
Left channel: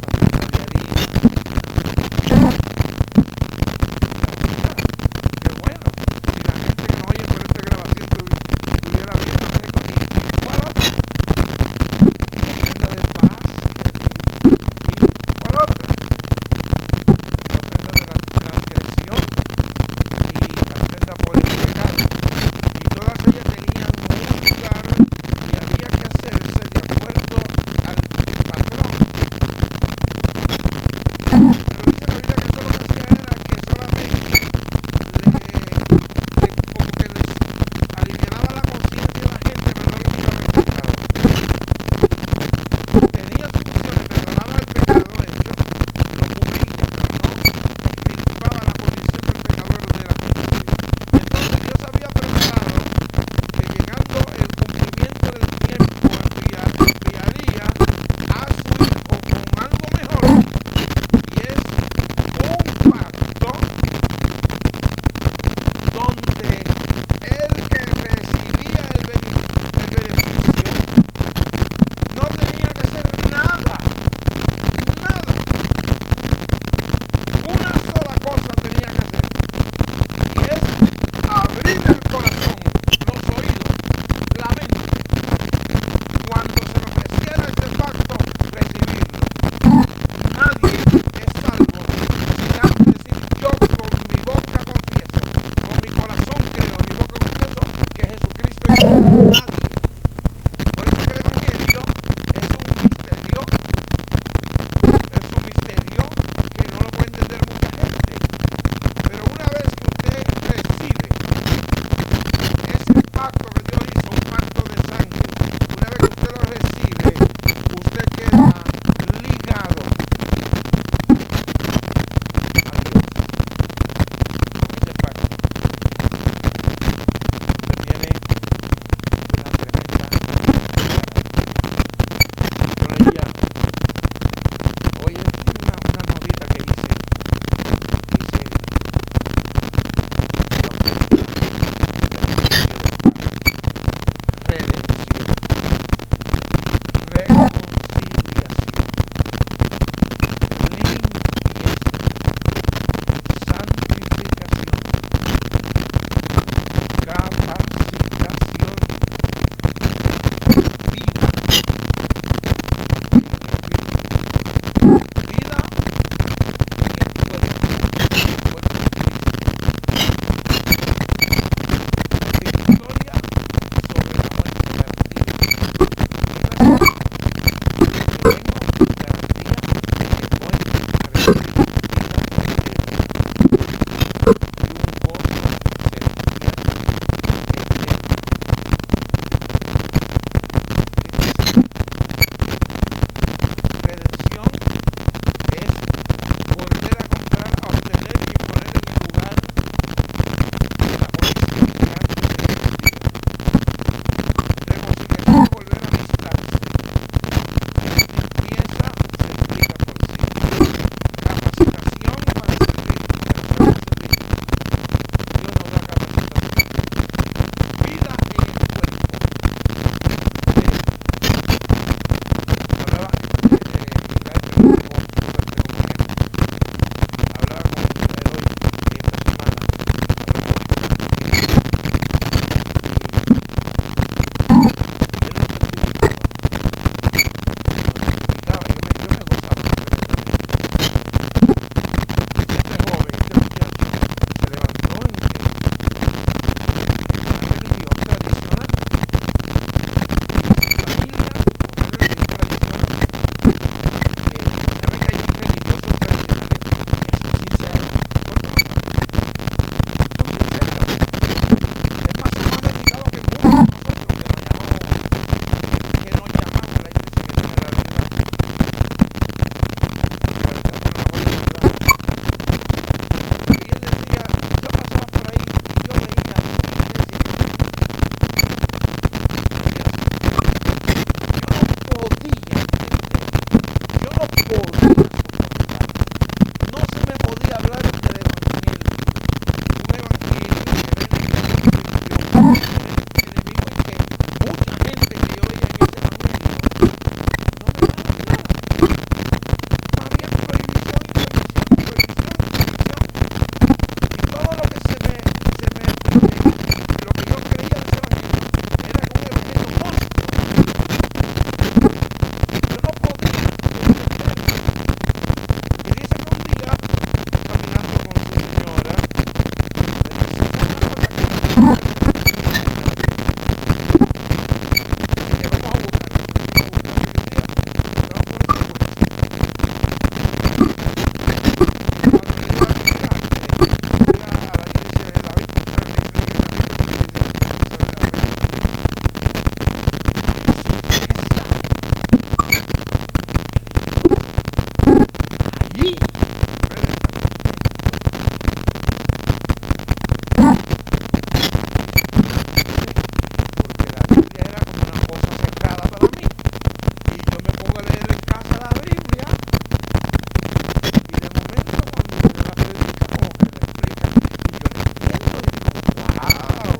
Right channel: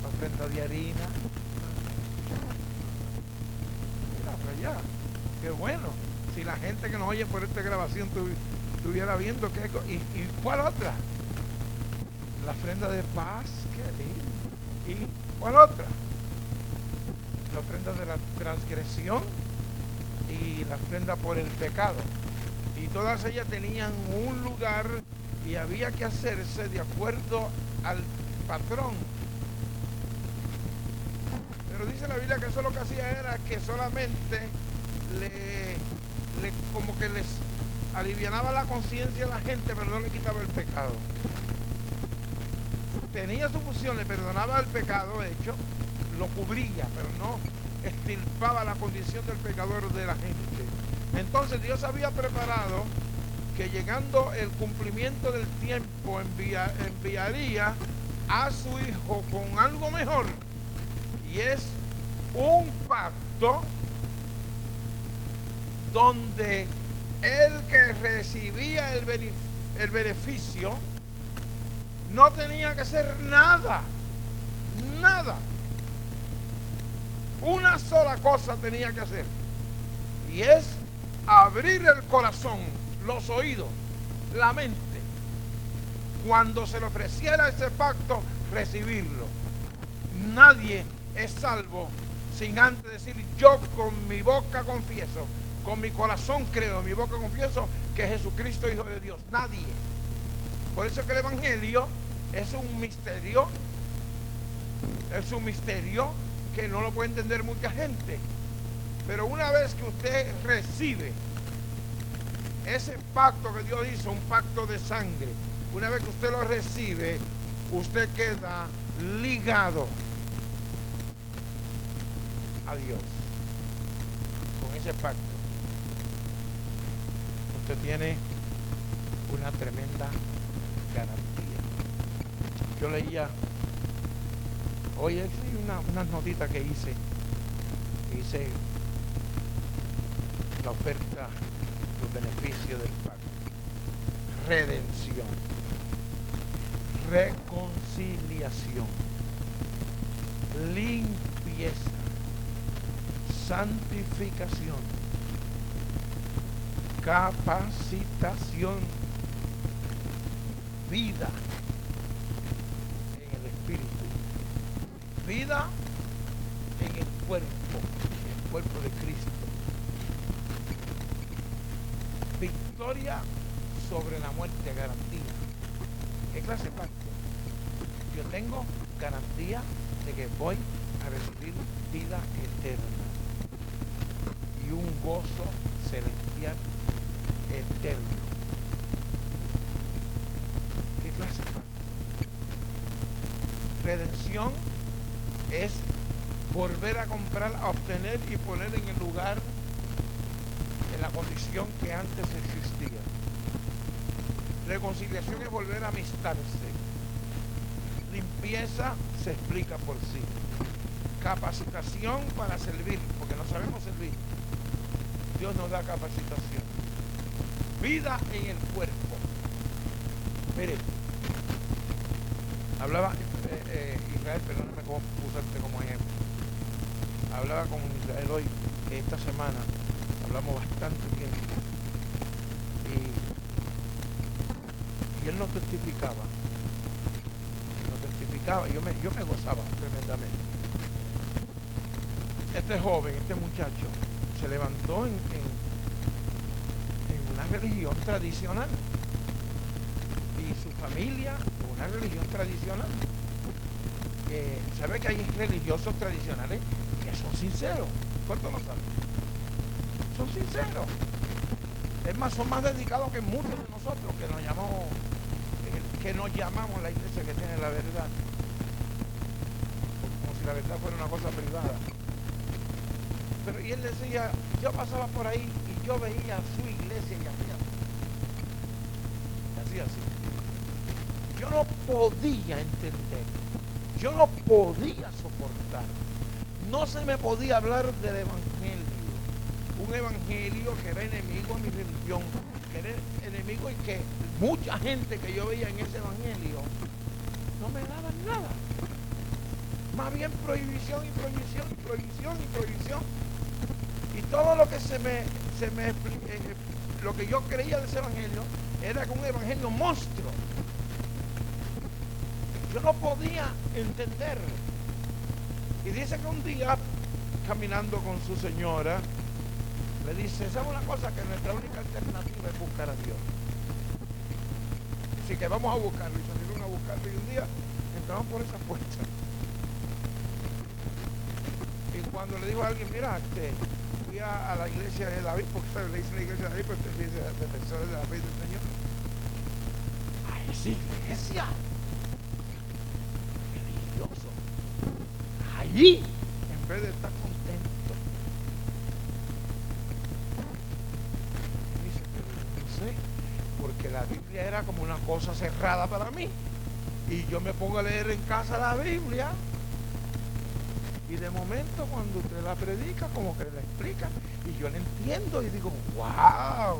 la ofrenda de harina. Qué bueno. Si la gente que nos oye por esta grabación tuviera visto ¿cuál otra? La ofrenda de paz. ¿Cuál otra? La ofrenda de la transgresión y la ofrenda por el pecado. Y todas ellas tenían un lugar y había que hacerse de acuerdo al patrón. Pero dice la Biblia que eso lo que hacía era que solamente como que les alivianaba la conciencia de la gente, pero no les quitaba el pecado. Tenía soluciones, perdonaba el pecado hecho, lo cubría, pero no extirpaba la condición del pecador de la gente. Entonces Dios había preparado que llegando el cumplimiento del tiempo enviaría a su hijo con algo mejor, y es un pacto donde el que recibía el beneficio no tenía que hacer nada, una sola cosa tenía que hacer, y es abrir el corazón, los oídos, la mente, cuando se le ofreciera ese pacto, recibirlo. Nadie es salvo sin antes decir: yo con mi boca confieso, con mi corazón creo, mi boca confieso que Jesucristo es nadie. Por eso que el Evangelio es un misterio que no lo puede entender mucha gente. Pero una vez que usted recibe ese pacto que Dios hizo, un pacto de sangre, una vez que usted lo recibe, usted queda ligado a Dios con ese pacto. Usted tiene una tremenda maravilla. Yo leía hoy una notita que dice la oferta del redención, reconciliación, limpieza, podía entender, yo no podía soportar, no se me podía hablar del evangelio, un evangelio que era el enemigo que mucha gente que yo veía en ese evangelio no me daba nada, había prohibición, prohibición, prohibición, prohibición, y todo lo que lo que yo creía de ese evangelio era un evangelio monstruo. Yo no podía entenderlo. Y dice que un día, caminando con su señora, me dice, ¿sabes una cosa que no puedo hacer? Dice que vamos a buscar. Y fuimos a buscar y decía, estamos por ese puesto. Y cuando llegué a la fui a la iglesia de David, allí, porque la Biblia era como una cosa cerrada para mí, y yo me pongo a leer en casa la Biblia, y de momento cuando me la predica, como que me explica, y yo le entiendo, y digo, wow,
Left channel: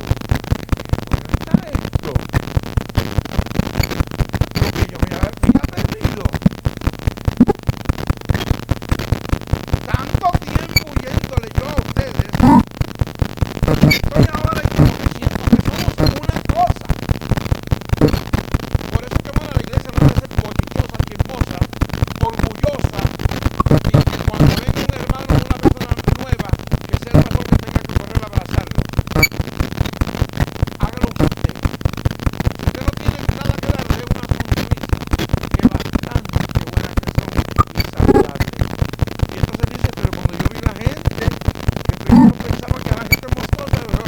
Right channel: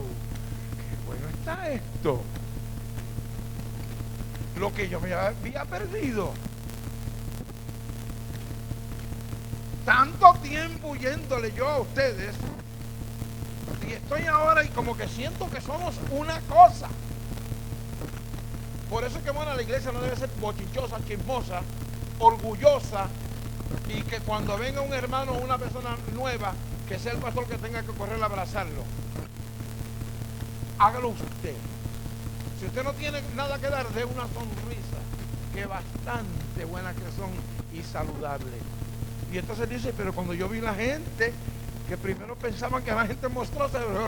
¿dónde está esto? Lo que yo me había perdido. Tanto tiempo huyéndole yo a ustedes, estoy ahora y como que siento que somos una cosa. Por eso que van a la iglesia no debe ser bochinchosa, chismosa, orgullosa, y que cuando venga un hermano o una persona nueva, que sea el pastor que tenga que correr a abrazarlo. Hágalo usted. Si usted no tiene nada que darle, una sonrisa, que bastante buenas que son y saludables. Y entonces dice, pero cuando yo vi la gente, que primero pensaba que la gente monstruosa, pero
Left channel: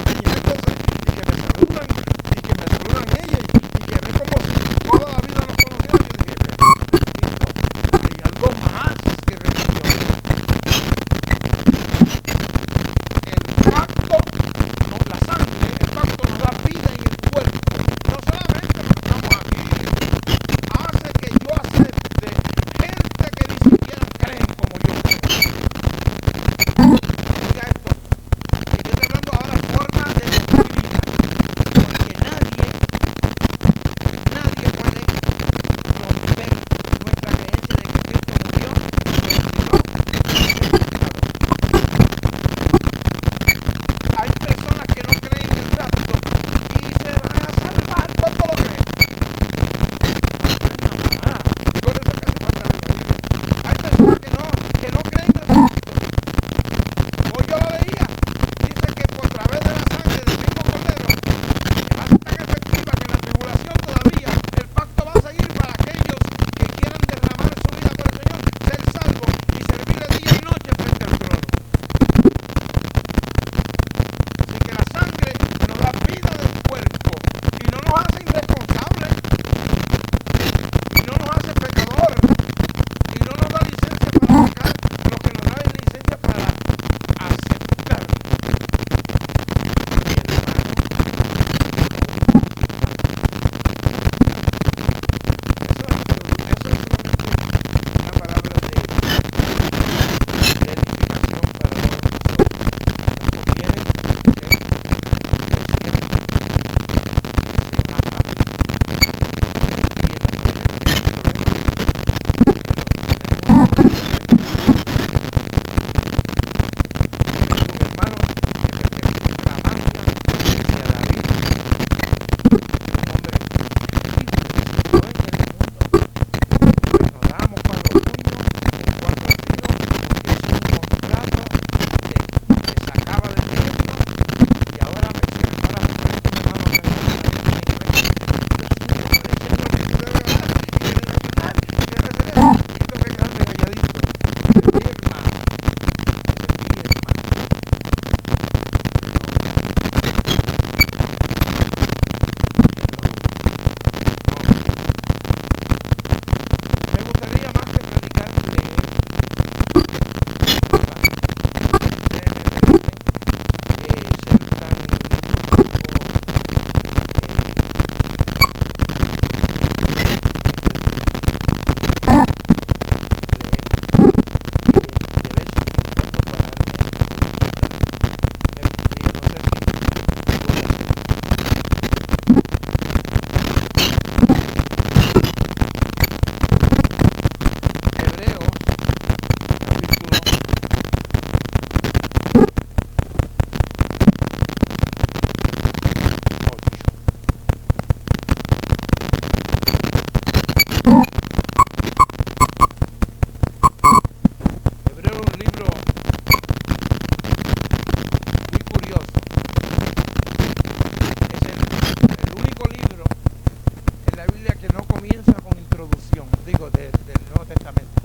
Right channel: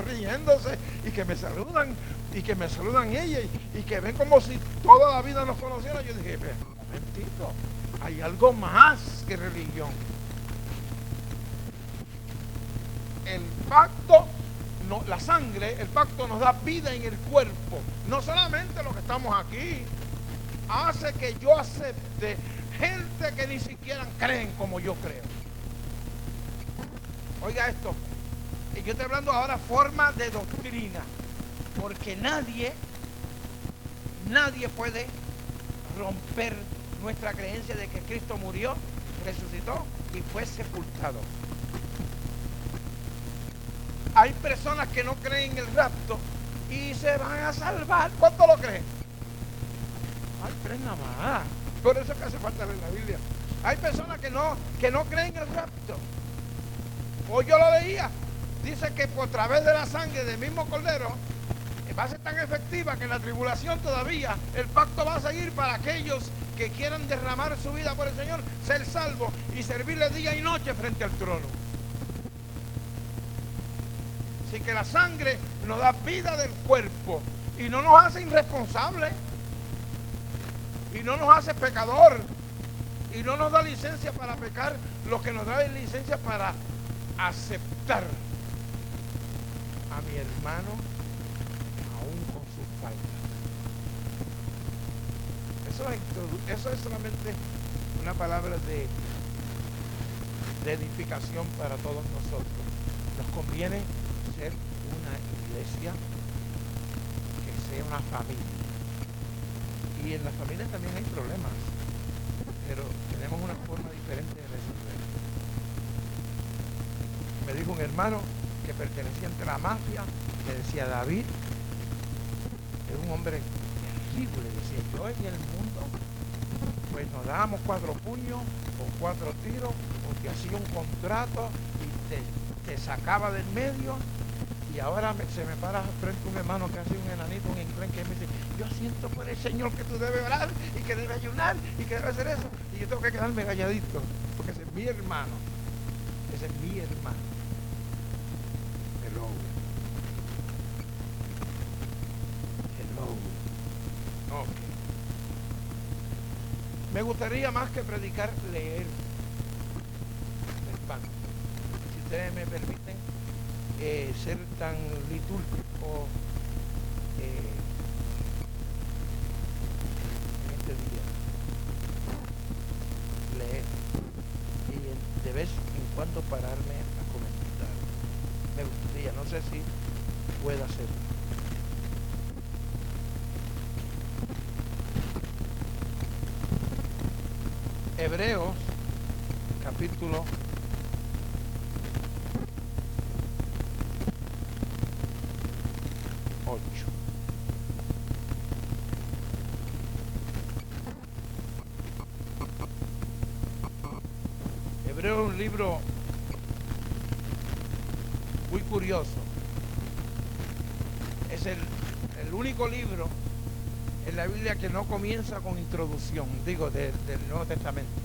que no comienza con introducción, digo, del Nuevo Testamento.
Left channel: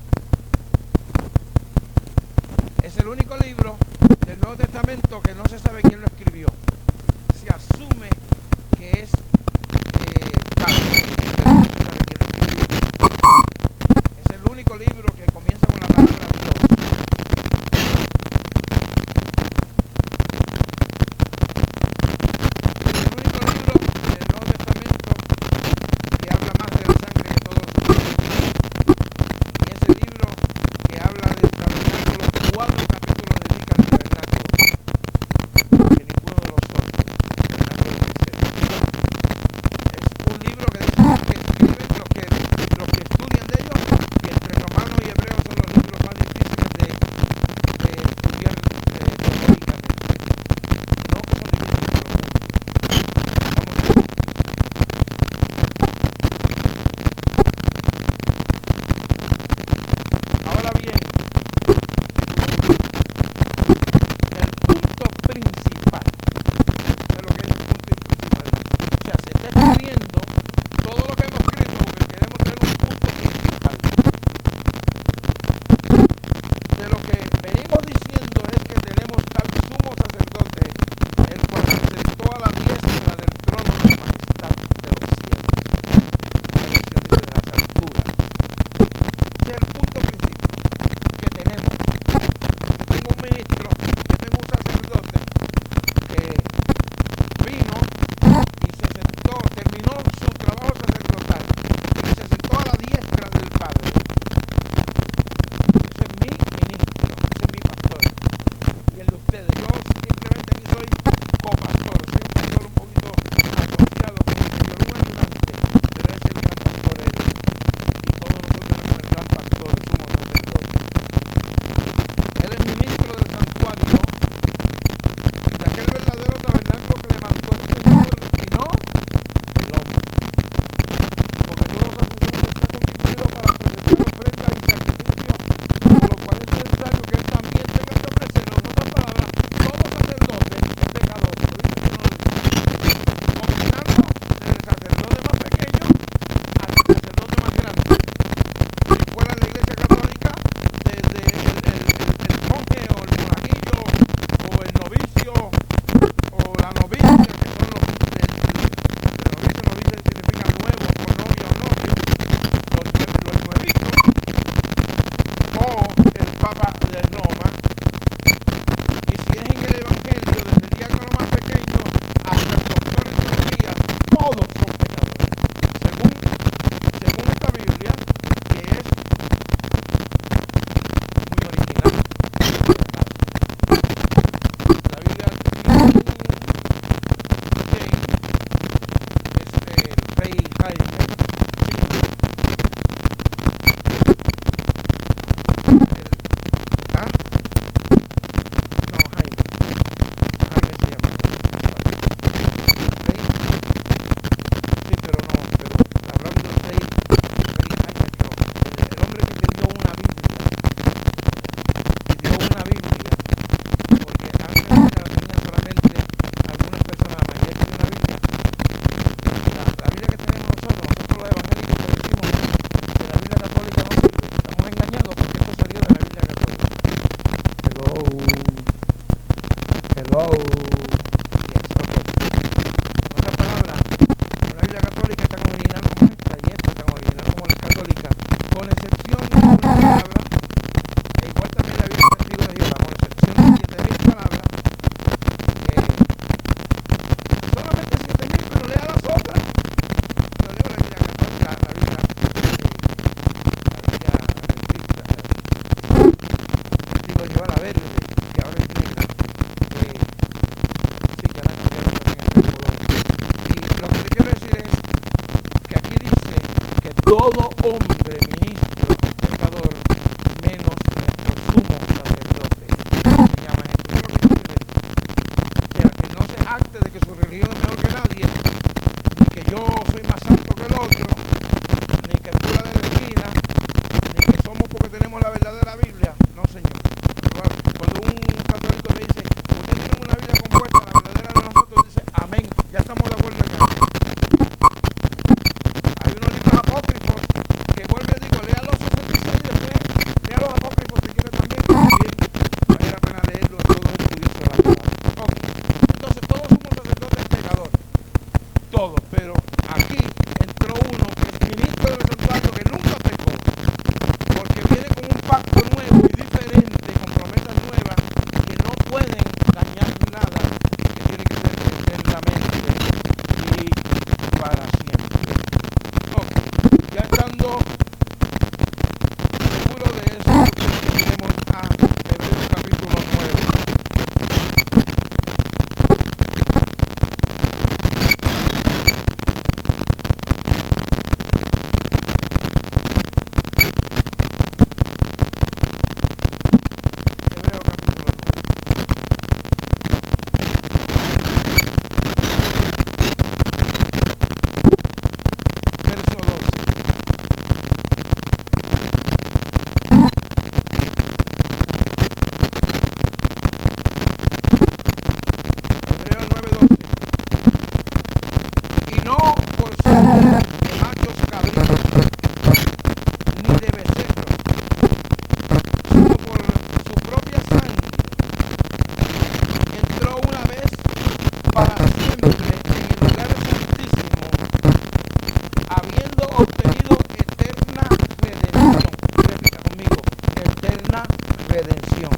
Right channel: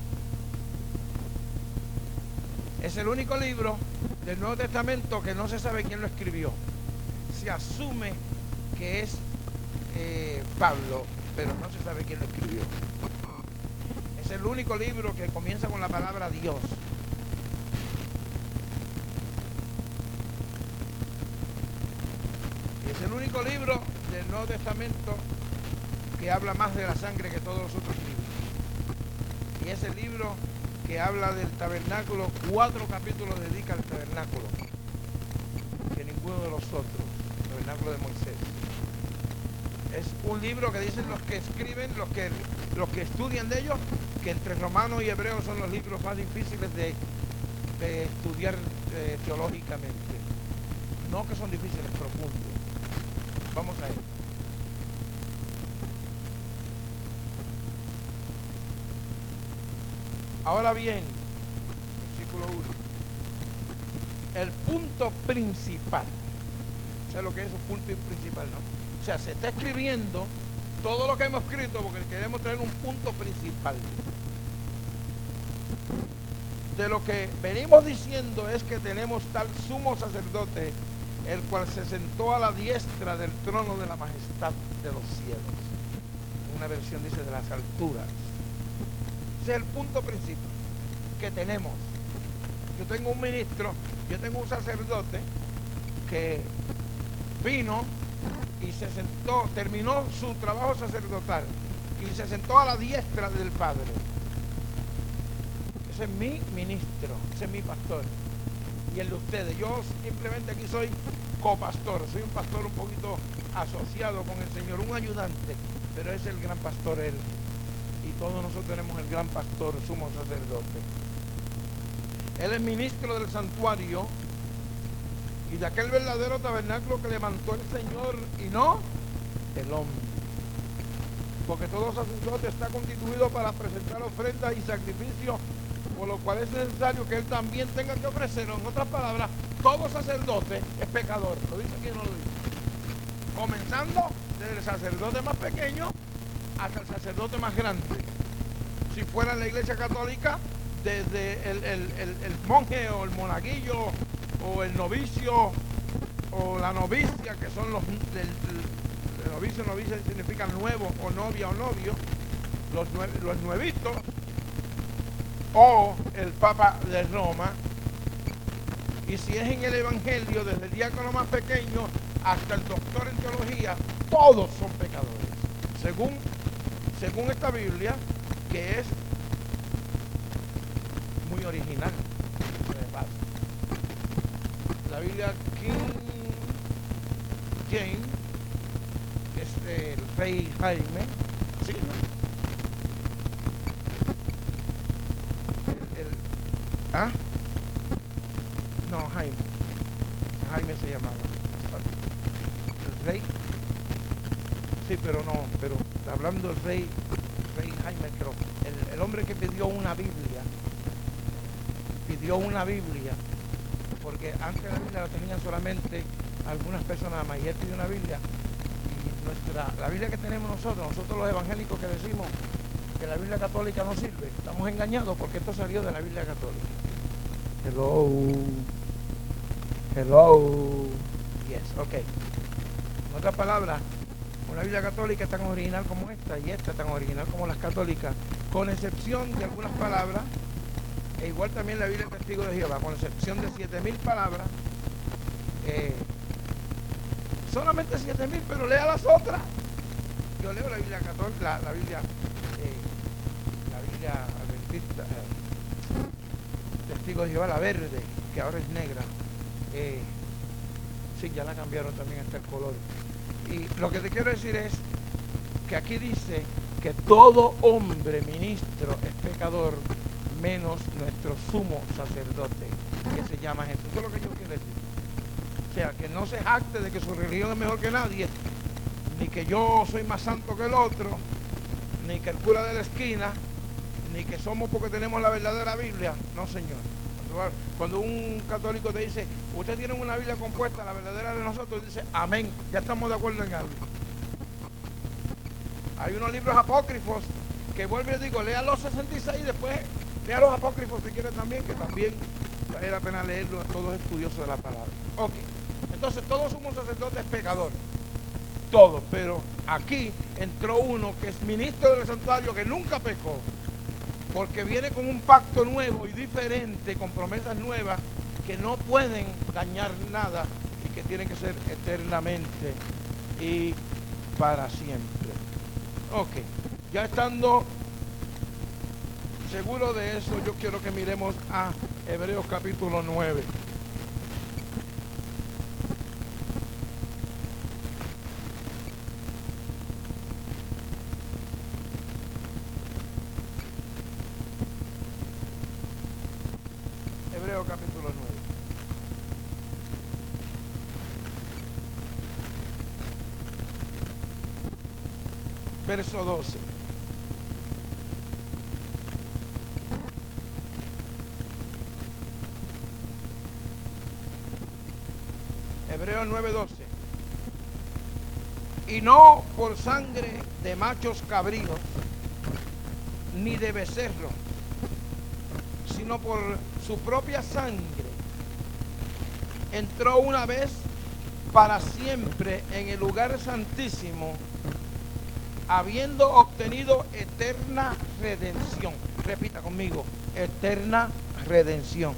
Es el único libro del Nuevo Testamento que no se sabe quién lo escribió. Se asume que es Pablo, pero no se sabe quién lo escribió. Es el único libro que comienza con la palabra Dios. Es el único libro del Nuevo Testamento que habla más de la sangre que todos los otros. Y es el libro que habla del tabernáculo, 4 capítulos dedican al tabernáculo, que ninguno de los otros, el tabernáculo de Moisés. Es un libro que dice que escriben los que estudian de ellos, y entre romano y hebreo son los libros más difíciles de estudiar teológicamente. No que son difíciles, pero mucho. Vamos a ver. Ahora bien, el punto principal, ¿sabes lo que es el punto principal? O sea, se está escribiendo todo lo que hemos escrito porque queremos tener un punto principal. De lo que venimos diciendo es que tenemos tal sumo sacerdote, el cual se sentó a la diestra del trono de la majestad de los cielos, la versión dice de las alturas. Ese es el punto principal que tenemos. Yo tengo un ministro, yo tengo un sacerdote que vino y se sentó, terminó su trabajo sacerdotal y se sentó a la diestra del Padre. Ese es mi ministro, ese es mi pastor y el de ustedes. Yo simplemente aquí soy copastor, soy un pastor un poquito asociado con el Señor, un ayudante, pero ese es el gran pastor él. Y todos nosotros tenemos el gran pastor, sumo sacerdote. Él es ministro del santuario y de aquel verdadero tabernáculo que levantó el Señor y no el hombre. Porque todo sacerdote está constituido para presentar ofrendas y sacrificios, por lo cual es necesario que él también tenga que ofrecer. En otras palabras, todo sacerdote es pecador. ¿Lo dice que no lo dice? Comenzando desde el sacerdote más pequeño hasta el sacerdote más grande. Si fuera en la iglesia católica, desde el monje o el monaguillo o el novicio o la novicia, que son los novicio significa nuevo, o novia o novio, los nuevitos, o el Papa de Roma. Y si es en el Evangelio, desde el diácono más pequeño hasta el doctor en teología, todos son pecadores. Según esta Biblia, que es muy original. La Biblia King James, Rey Jaime, ¿sí? ¿Ah? No, Jaime se llama Rey. Sí, pero hablando del Rey Jaime, pero el hombre que te dio una Biblia, porque antes la tenían solamente algunas personas, la mayoría tenía una Biblia. La Biblia que tenemos nosotros los evangélicos que decimos que la Biblia católica no sirve, estamos engañados porque esto salió de la Biblia católica. Hello. Yes, okay. En otras palabras, la Biblia católica está tan original como esta y esta tan original como la católica, con excepción de una palabra, e igual también la Biblia Testigo de Jehová, con excepción de 7,000 palabras, solamente 7,000, pero lea las otras. Yo leo la Biblia católica, la Biblia adventista, Testigo de Jehová, la verde, que ahora es negra. Sí, que ahora cambiaron también el color. Y lo que te quiero decir es que aquí dice que todo hombre ministro es pecador, menos nuestro sumo sacerdote, se llama Jesús. Eso es lo que quiere decir. O sea, que no se jacte de que su religión es mejor que nadie, ni que yo soy más santo que el otro, ni que el cura de la esquina, ni que somos porque tenemos la verdadera Biblia. No, señor. Cuando un católico le dice, usted tiene una Biblia compuesta, la verdadera de nosotros, dice, amén, ya estamos de acuerdo en eso. Hay unos libros apócrifos, que vuelvo y digo, lea los 66 después, lea los apócrifos si quiere también, vale la pena leerlo a todos estudiosos de la palabra. Ok, entonces todos somos sacerdotes pecadores, todos, pero aquí entró uno que es ministro del santuario que nunca pecó, porque viene con un pacto nuevo y diferente, con promesas nuevas que no pueden dañar nada, que tiene que ser eternamente y para siempre. Ok, ya estando seguro de eso, yo quiero que miremos a Hebreos capítulo 9. Hebreos capítulo 9. Verso 12. Hebreos 9:12. Y no por sangre de machos cabríos, ni de becerros, sino por su propia sangre, entró una vez para siempre en el lugar santísimo, habiendo obtenido eterna redención. Repita conmigo, eterna redención.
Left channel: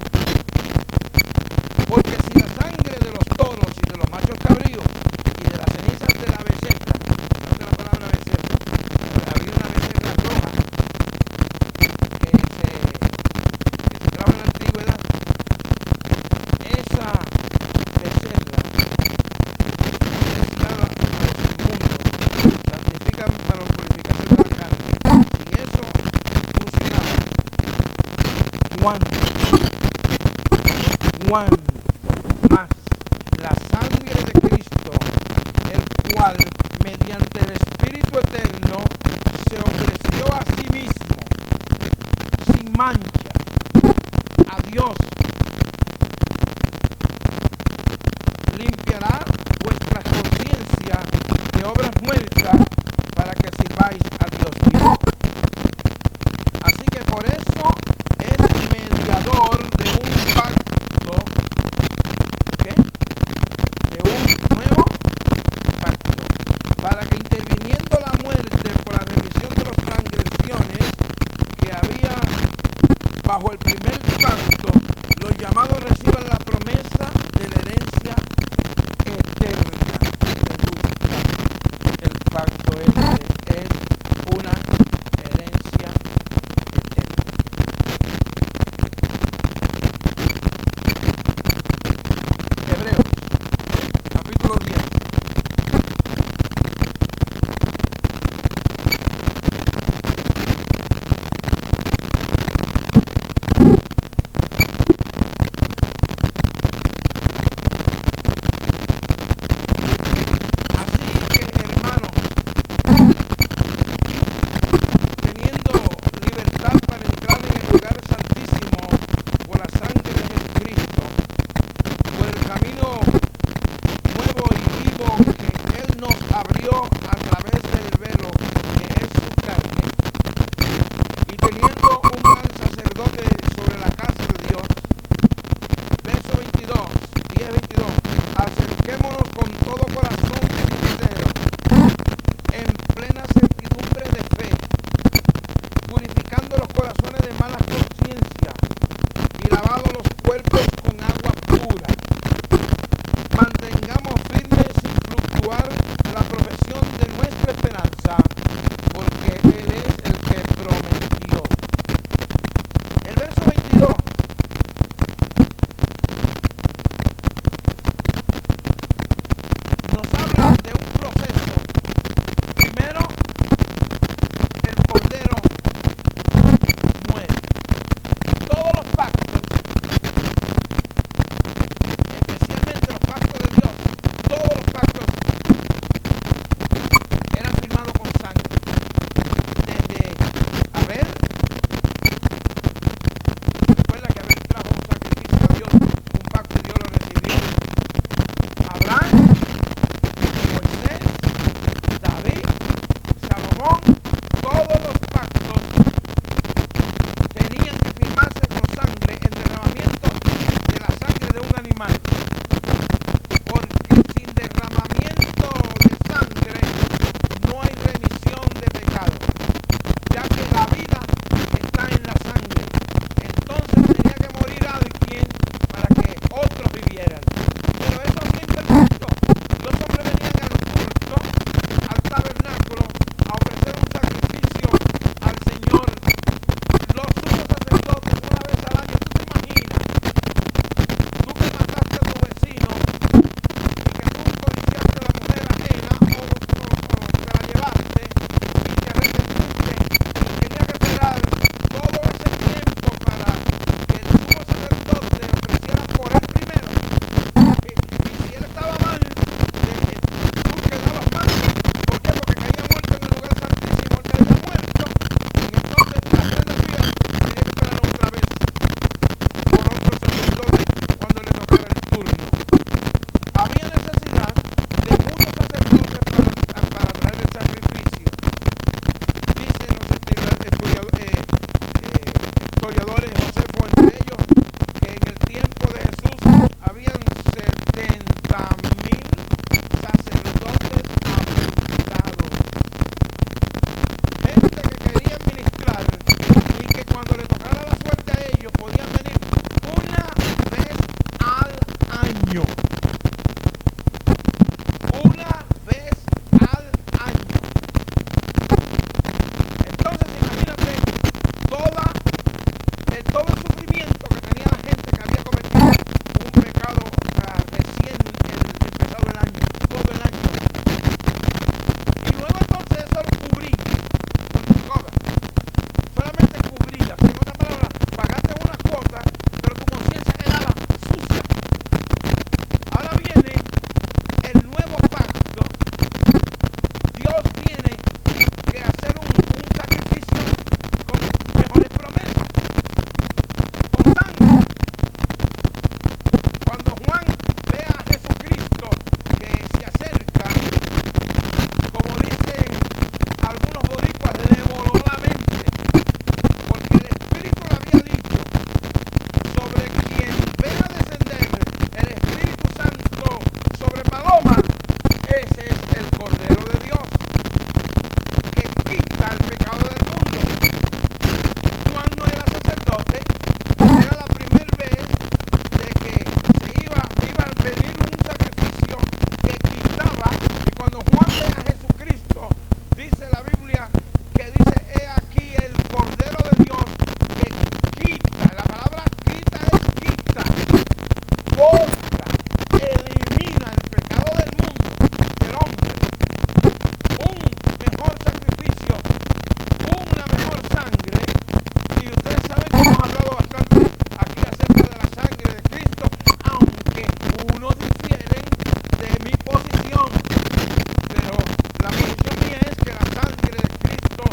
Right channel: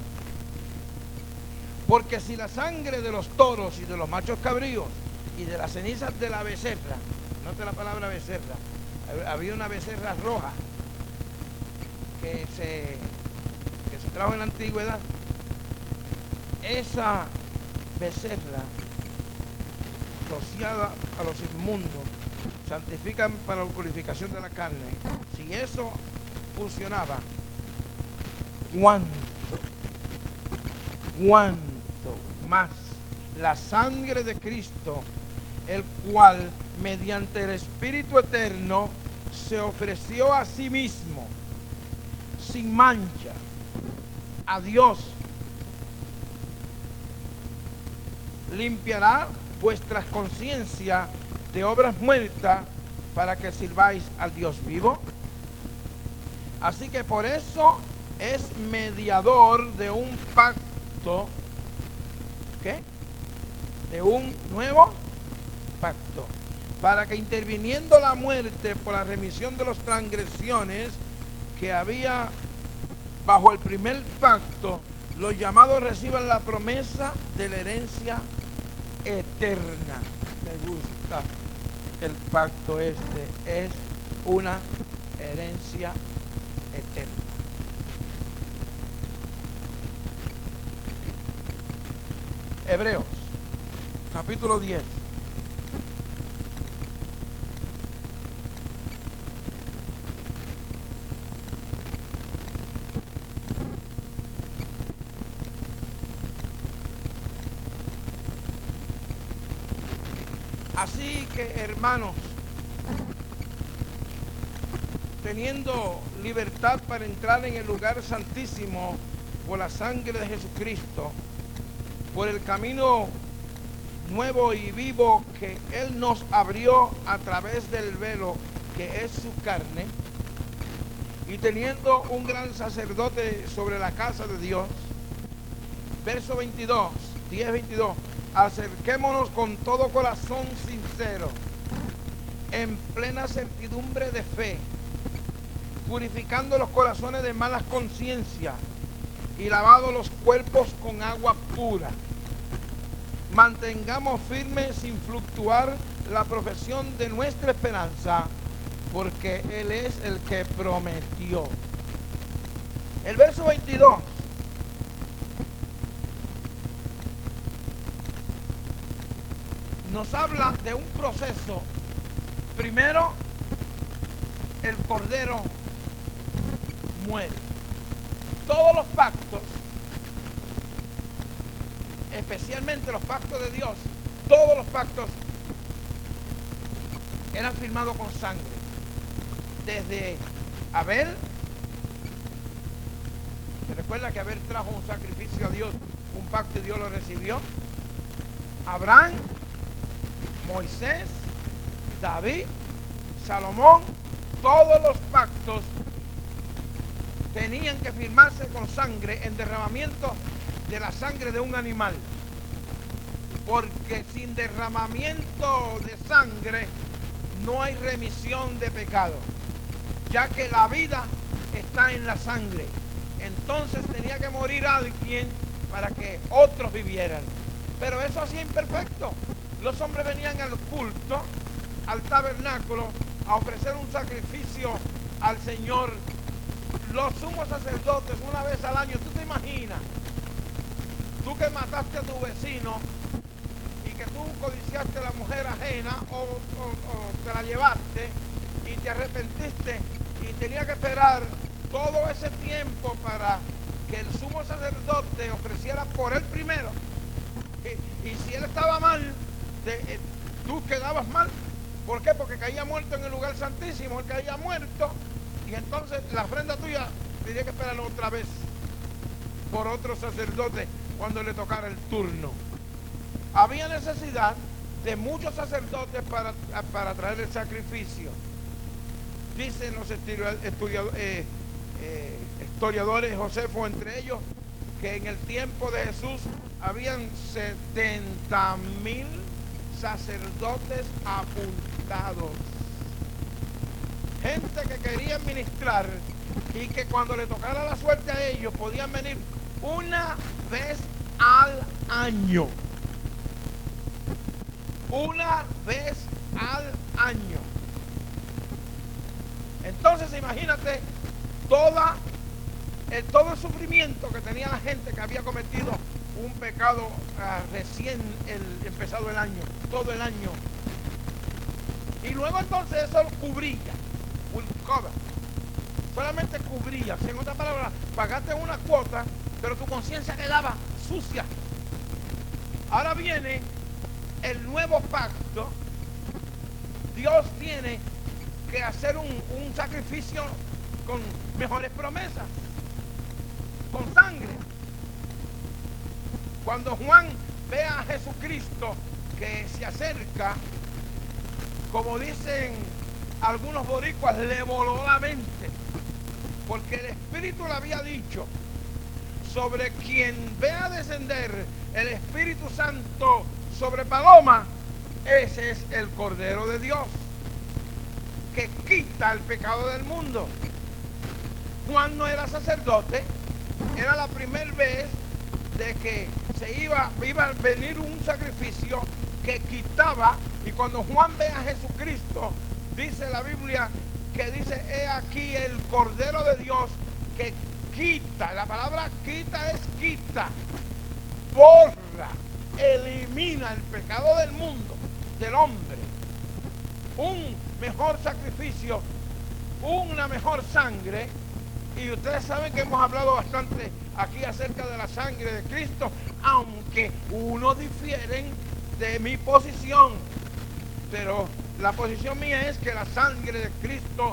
Porque si la sangre de los toros y de los machos cabríos y de las cenizas de la becerra, no de la palabra becerra, había una becerra roja que se trajo en la antigüedad, esa becerra destinada a los inmundos, santifican para la purificación de la carne. Si eso funcionaba, ¿cuánto más la sangre de Cristo, el cual mediante el Espíritu Eterno se ofreció a sí mismo sin mancha a Dios, limpiará vuestra conciencia de obras muertas para que sirváis a Dios vivo? Así que por eso es mediador de un pacto, ¿qué? De un nuevo pacto, para que interviniendo la muerte por la remisión de las transgresiones que había bajo el primer pacto, los llamados reciban la promesa de la herencia eterna. Me gusta el pacto este, es una herencia eterna. Hebreos, capítulo 10. Así que, hermanos, teniendo libertad para entrar en el lugar santísimo por la sangre de Jesucristo, por el camino nuevo y vivo que Él nos abrió a través del velo que es su carne, y teniendo un gran sacerdote sobre la casa de Dios, verso 22, 10-22, acerquémonos con todo corazón sincero, en plena certidumbre de fe, purificando los corazones de malas conciencias y lavando los cuerpos con agua pura. Mantengamos firme sin fluctuar la profesión de nuestra esperanza, porque Él es el que prometió. El verso 22 nos habla de un proceso. Primero, el Cordero muere. Todos los pactos, especialmente los pactos de Dios, todos los pactos eran firmados con sangre. Desde Abel, recuerda que Abel trajo un sacrificio a Dios, un pacto y Dios lo recibió. Abraham, Moisés, David, Salomón todos los pactos tenían que firmarse con sangre, en derramamiento de la sangre de un animal. Porque sin derramamiento de sangre no hay remisión de pecado, ya que la vida está en la sangre. Entonces tenía que morir alguien para que otros vivieran. Pero eso siempre el culto. Los hombres venían al culto, al tabernáculo, a ofrecer un sacrificio al Señor. Los sumos sacerdotes, una vez al año, tú te imaginas, tú que mataste a tu vecino, que tú codiciaste a la mujer ajena o te la llevaste y te arrepentiste y tenías que esperar todo ese tiempo para que el sumo sacerdote ofreciera por él primero. Y si él estaba mal, tú quedabas mal. ¿Por qué? Porque caía muerto en el lugar santísimo, él caía muerto. Y entonces la ofrenda tuya tenía que esperar otra vez por otro sacerdote cuando le tocara el turno. Había necesidad de muchos sacerdotes para traer el sacrificio. Dicen los historiadores, Josefo entre ellos, que en el tiempo de Jesús habían 70,000 sacerdotes afeitados. Gente que quería ministrar y que cuando le tocara la suerte a ellos podían venir una vez al año. Una vez al año. Entonces imagínate todo el sufrimiento que tenía la gente que había cometido un pecado recién empezado el año, todo el año. Y luego entonces eso cubría, solamente cubría, en otras palabras, pagaste una cuota, pero tu conciencia quedaba sucia. Ahora viene el nuevo pacto. Dios tiene que hacer un sacrificio con mejores promesas, con sangre. Cuando Juan ve a Jesucristo que se acerca, como dicen algunos boricuas, le voló la mente, porque el Espíritu le había dicho: sobre quien vea descender el Espíritu Santo sobre paloma, ese es el Cordero de Dios, que quita el pecado del mundo. Juan no era sacerdote, era la primera vez de que se iba a venir un sacrificio que quitaba. Y cuando Juan ve a Jesucristo, dice la Biblia que dice: he aquí el Cordero de Dios que quita. La palabra quita es quita, borra, elimina el pecado del mundo, del hombre. Un mejor sacrificio, una mejor sangre. Y ustedes saben que hemos hablado bastante aquí acerca de la sangre de Cristo, aunque unos difieren de mi posición. Pero la posición mía es que la sangre de Cristo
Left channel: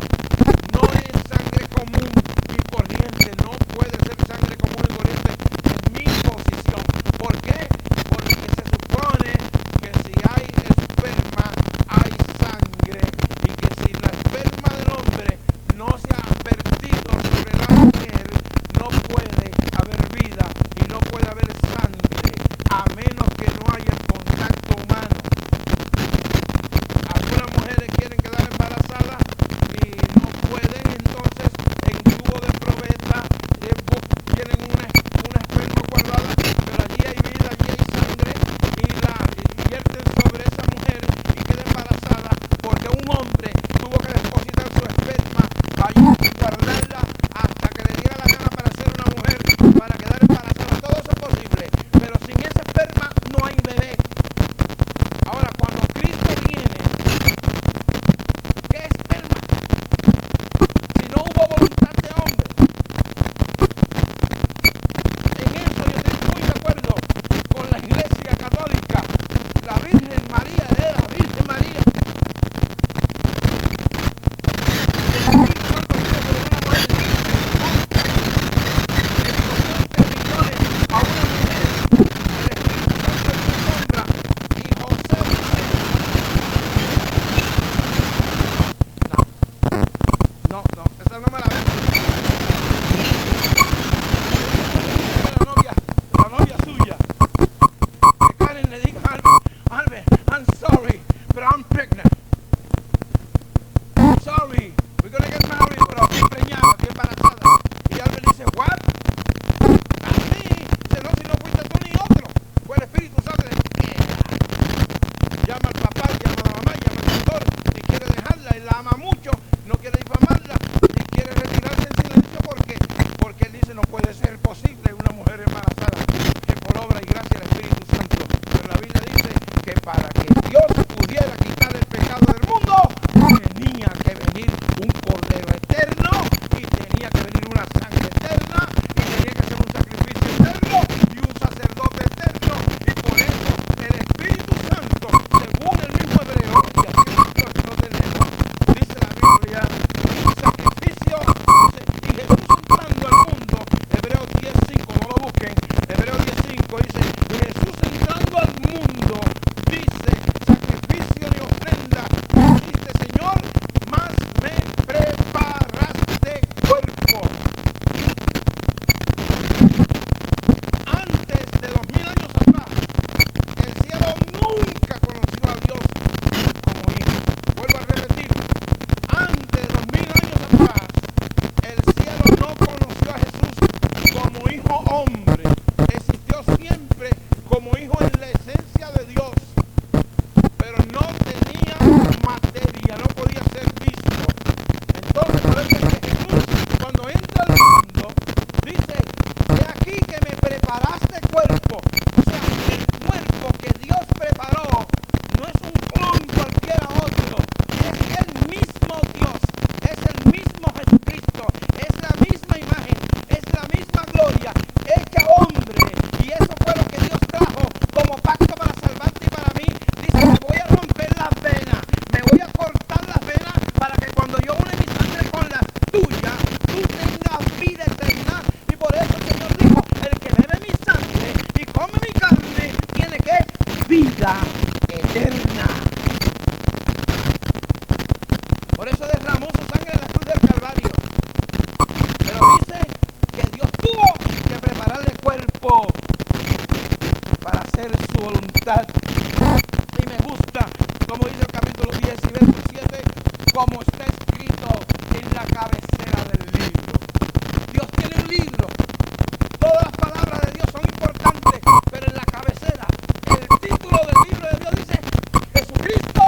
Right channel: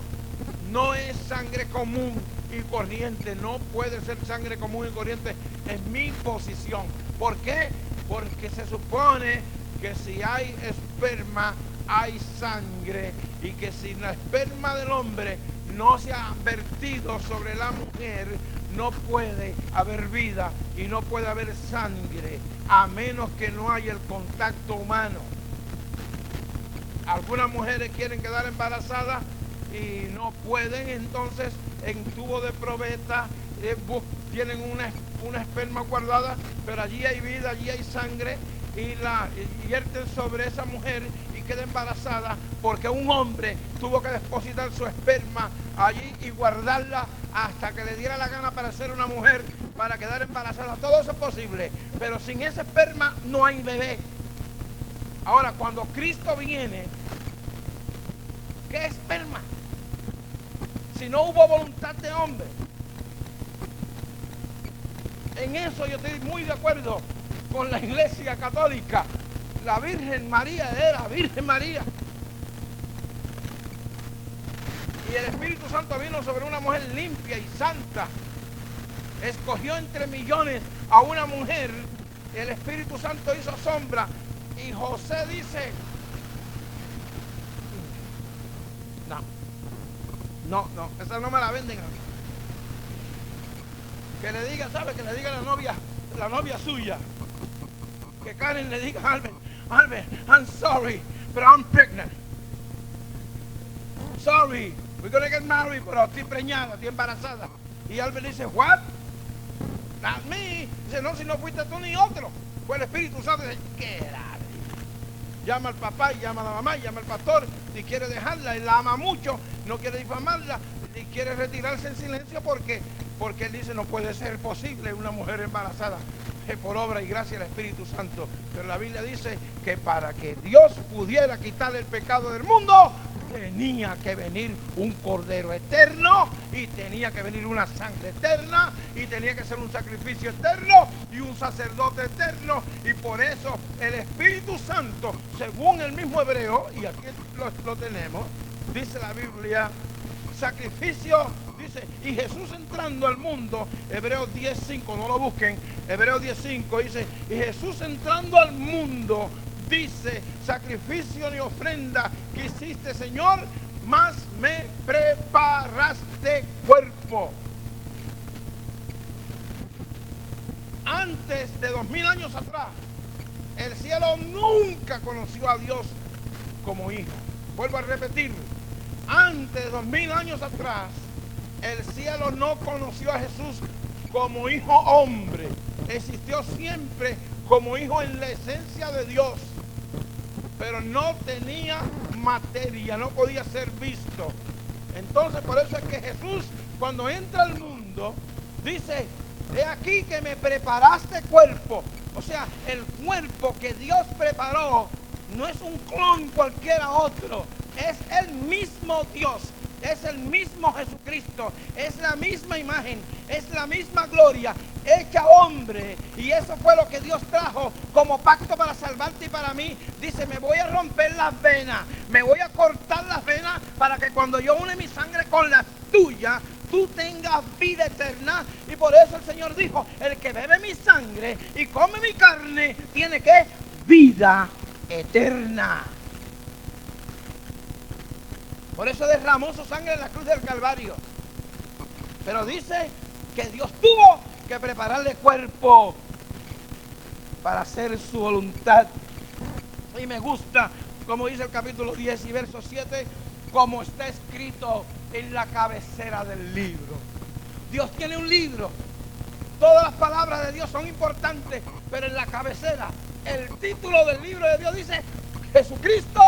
no es sangre común y corriente, no puede ser sangre común y corriente en mi posición. ¿Por qué? Porque se supone que si hay esperma, hay sangre, y que si la esperma del hombre no se ha vertido sobre la mujer, no puede haber vida y no puede haber sangre, a menos que no haya el contacto humano. Algunas mujeres quieren quedar embarazadas y no pueden, entonces en tubo de probeta tienen una esperma guardada, pero allí hay vida, allí hay sangre, y la vierten sobre esa mujer y queda embarazada porque un hombre tuvo que depositar su esperma allí y guardarla hasta que le diera la gana para ser una mujer, para quedar embarazada. Todo eso es posible, pero sin ese esperma no hay bebé. Ahora, cuando Cristo viene, ¿qué esperma? Si no hubo voluntad de hombre. En eso yo estoy muy de acuerdo con la Iglesia Católica. La Virgen María era Virgen María. Y el Espíritu Santo vino sobre una mujer limpia y santa. Escogió entre millones a una mujer. El Espíritu Santo es una sombra. Y José dice: no, No, esa no me la ven. La novia suya. Que Karen le diga, Albert, I'm sorry, but I'm pregnant. I'm sorry, we're gonna get married, pero estoy preñada, estoy embarazada. Y Albert dice, what? A mí. Dice, no, si no fuiste tú ni otro. Fue el Espíritu Santo. Llama al papá, llama a la mamá, llama al pastor y quiere dejarla. Él la ama mucho, no quiere difamarla y quiere retirarse en silencio porque él dice, no puede ser posible una mujer embarazada que por obra y gracia del Espíritu Santo. Pero la Biblia dice que para que Dios pudiera quitar el pecado del mundo, tenía que venir un cordero eterno y tenía que venir una sangre eterna y tenía que ser un sacrificio eterno y un sacerdote eterno. Y por eso el Espíritu Santo, según el mismo Hebreo, y así lo tenemos, dice la Biblia, sacrificio, dice, y Jesús entrando al mundo, Hebreos 10:5, no lo busquen, Hebreos 10:5 dice, y Jesús entrando al mundo, dice, sacrificio y ofrenda, hiciste, Señor, más me preparaste cuerpo. Antes de 2000 años atrás, el cielo nunca conoció a Dios como hijo. Vuelvo a repetir, antes de 2000 años atrás, el cielo no conoció a Jesús como hijo hombre. Existió siempre como hijo en la esencia de Dios, pero no tenía materia, no podía ser visto. Entonces, por eso es que Jesús, cuando entra al mundo, dice, he aquí que me preparaste cuerpo. O sea, el cuerpo que Dios preparó no es un clon cualquiera otro, es el mismo Dios, es el mismo Jesucristo, es la misma imagen, es la misma gloria, hecha hombre. Y eso fue lo que Dios trajo como pacto para salvarte y para mí. Dice, me voy a romper las venas, me voy a cortar las venas para que cuando yo une mi sangre con la tuya, tú tengas vida eterna. Y por eso el Señor dijo, el que bebe mi sangre y come mi carne, tiene que vida eterna. Por eso derramó su sangre en la cruz del Calvario. Pero dice que Dios tuvo que prepararle cuerpo para hacer su voluntad. Y me gusta, como dice el capítulo 10 y verso 7, como está escrito en la cabecera del libro. Dios tiene un libro. Todas las palabras de Dios son importantes, pero en la cabecera, el título del libro de Dios dice, Jesucristo,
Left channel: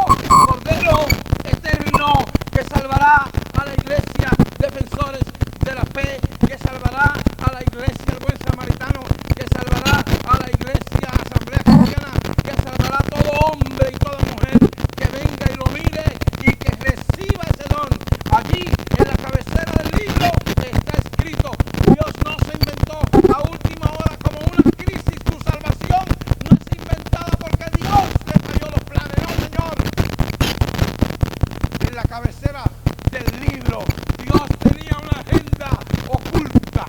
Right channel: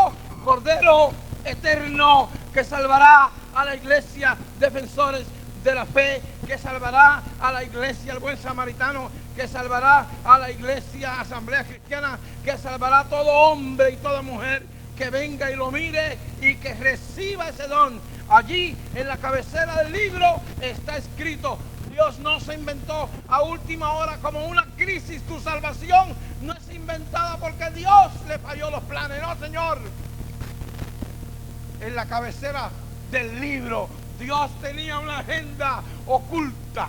Cordero Eterno, que salvará a la iglesia, defensores de la fe, que salvará a la iglesia, el buen samaritano, que salvará a la iglesia, asamblea cristiana, que salvará a todo hombre y toda mujer que venga y lo mire y que reciba ese don. Allí, en la cabecera del libro, está escrito, Dios no se inventó a última hora como una crisis, tu salvación no es inventada porque Dios le falló los planes, no, Señor. En la cabecera del libro, Dios tenía una agenda oculta.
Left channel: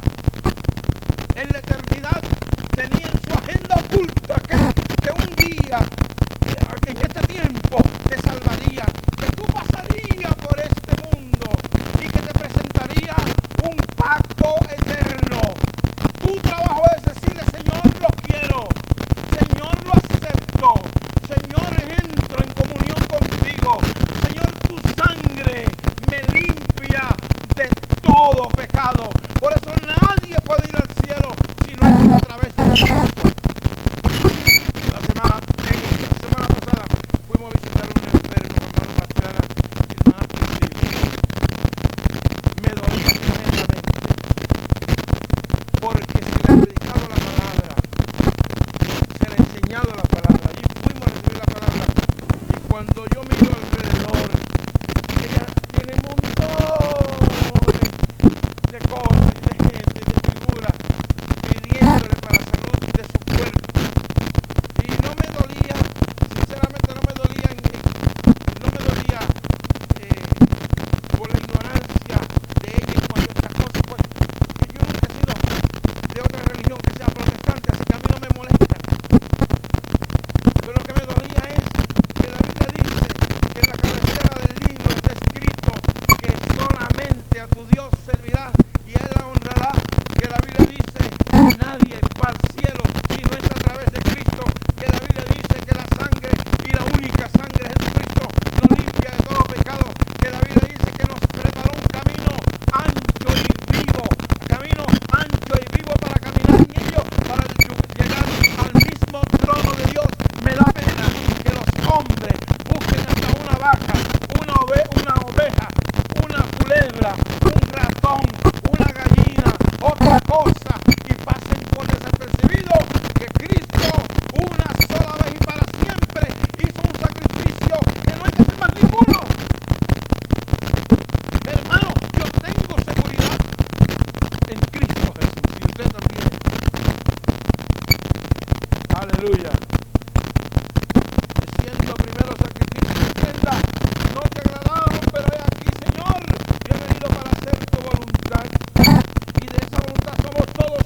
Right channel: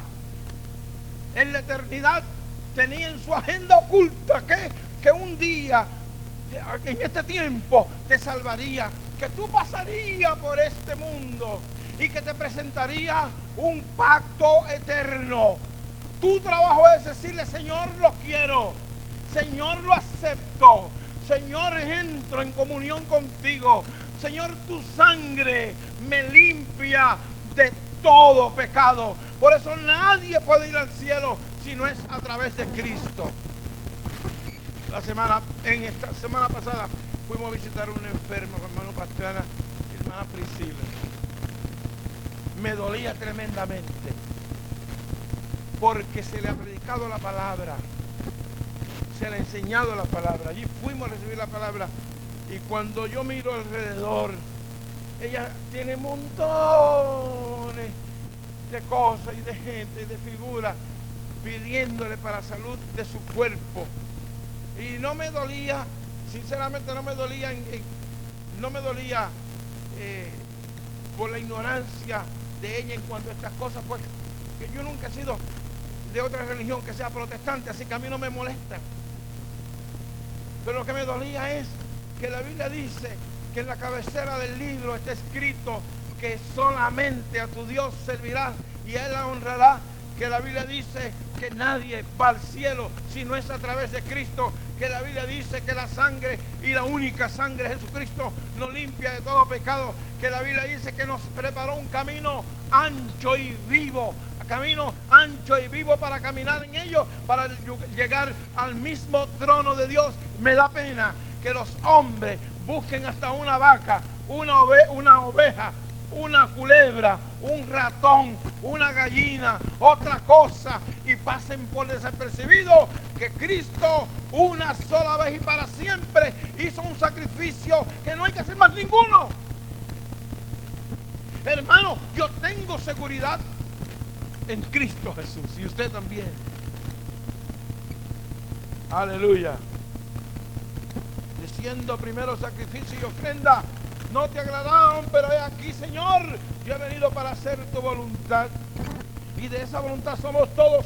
En la eternidad tenía en su agenda oculta que un día, en este tiempo, te salvaría, que tú pasarías por este mundo y que te presentaría un pacto eterno. Tu trabajo es decirle, Señor, lo quiero, Señor, lo acepto, Señor, entro en comunión contigo, Señor, tu sangre me limpia de todo pecado. Por eso nadie puede ir al cielo si no es a través de Cristo. La semana pasada fuimos a visitar a un enfermo, hermano Pastrana, hermana Priscila. Me dolía tremendamente porque se le ha predicado la palabra, se le ha enseñado la palabra. Y fuimos a recibir la palabra. Y cuando yo miro alrededor, ella tiene montones de cosas, de gente, de figuras, pidiéndole para la salud de su cuerpo. Y no me dolía, sinceramente no me dolía por la ignorancia de ella en cuanto a estas cosas, pues yo nunca he sido de otra religión que sea protestante, así que a mí no me molesta. Pero lo que me dolía es que la Biblia dice que en la cabecera solamente a tu Dios servirás y Él la honrará. Que la Biblia dice, nadie va al cielo si no es a través de Cristo. Que la Biblia dice que la sangre y la única sangre de Jesucristo nos limpia de todo pecado. Que la Biblia dice que nos preparó un camino ancho y vivo. Camino ancho y vivo para caminar en ello, para llegar al mismo trono de Dios. Me da pena que los hombres busquen hasta una vaca, una oveja, una culebra, un ratón, una gallina, otra cosa, y pasen por desapercibido que Cristo una sola vez y para siempre hizo un sacrificio que no hay que hacer más ninguno. Hermano, yo tengo seguridad en Cristo Jesús y usted también. Aleluya. Siendo primero sacrificio y ofrenda, no te agradaron, pero he aquí, Señor, yo he venido para hacer tu voluntad. Y de esa voluntad somos todos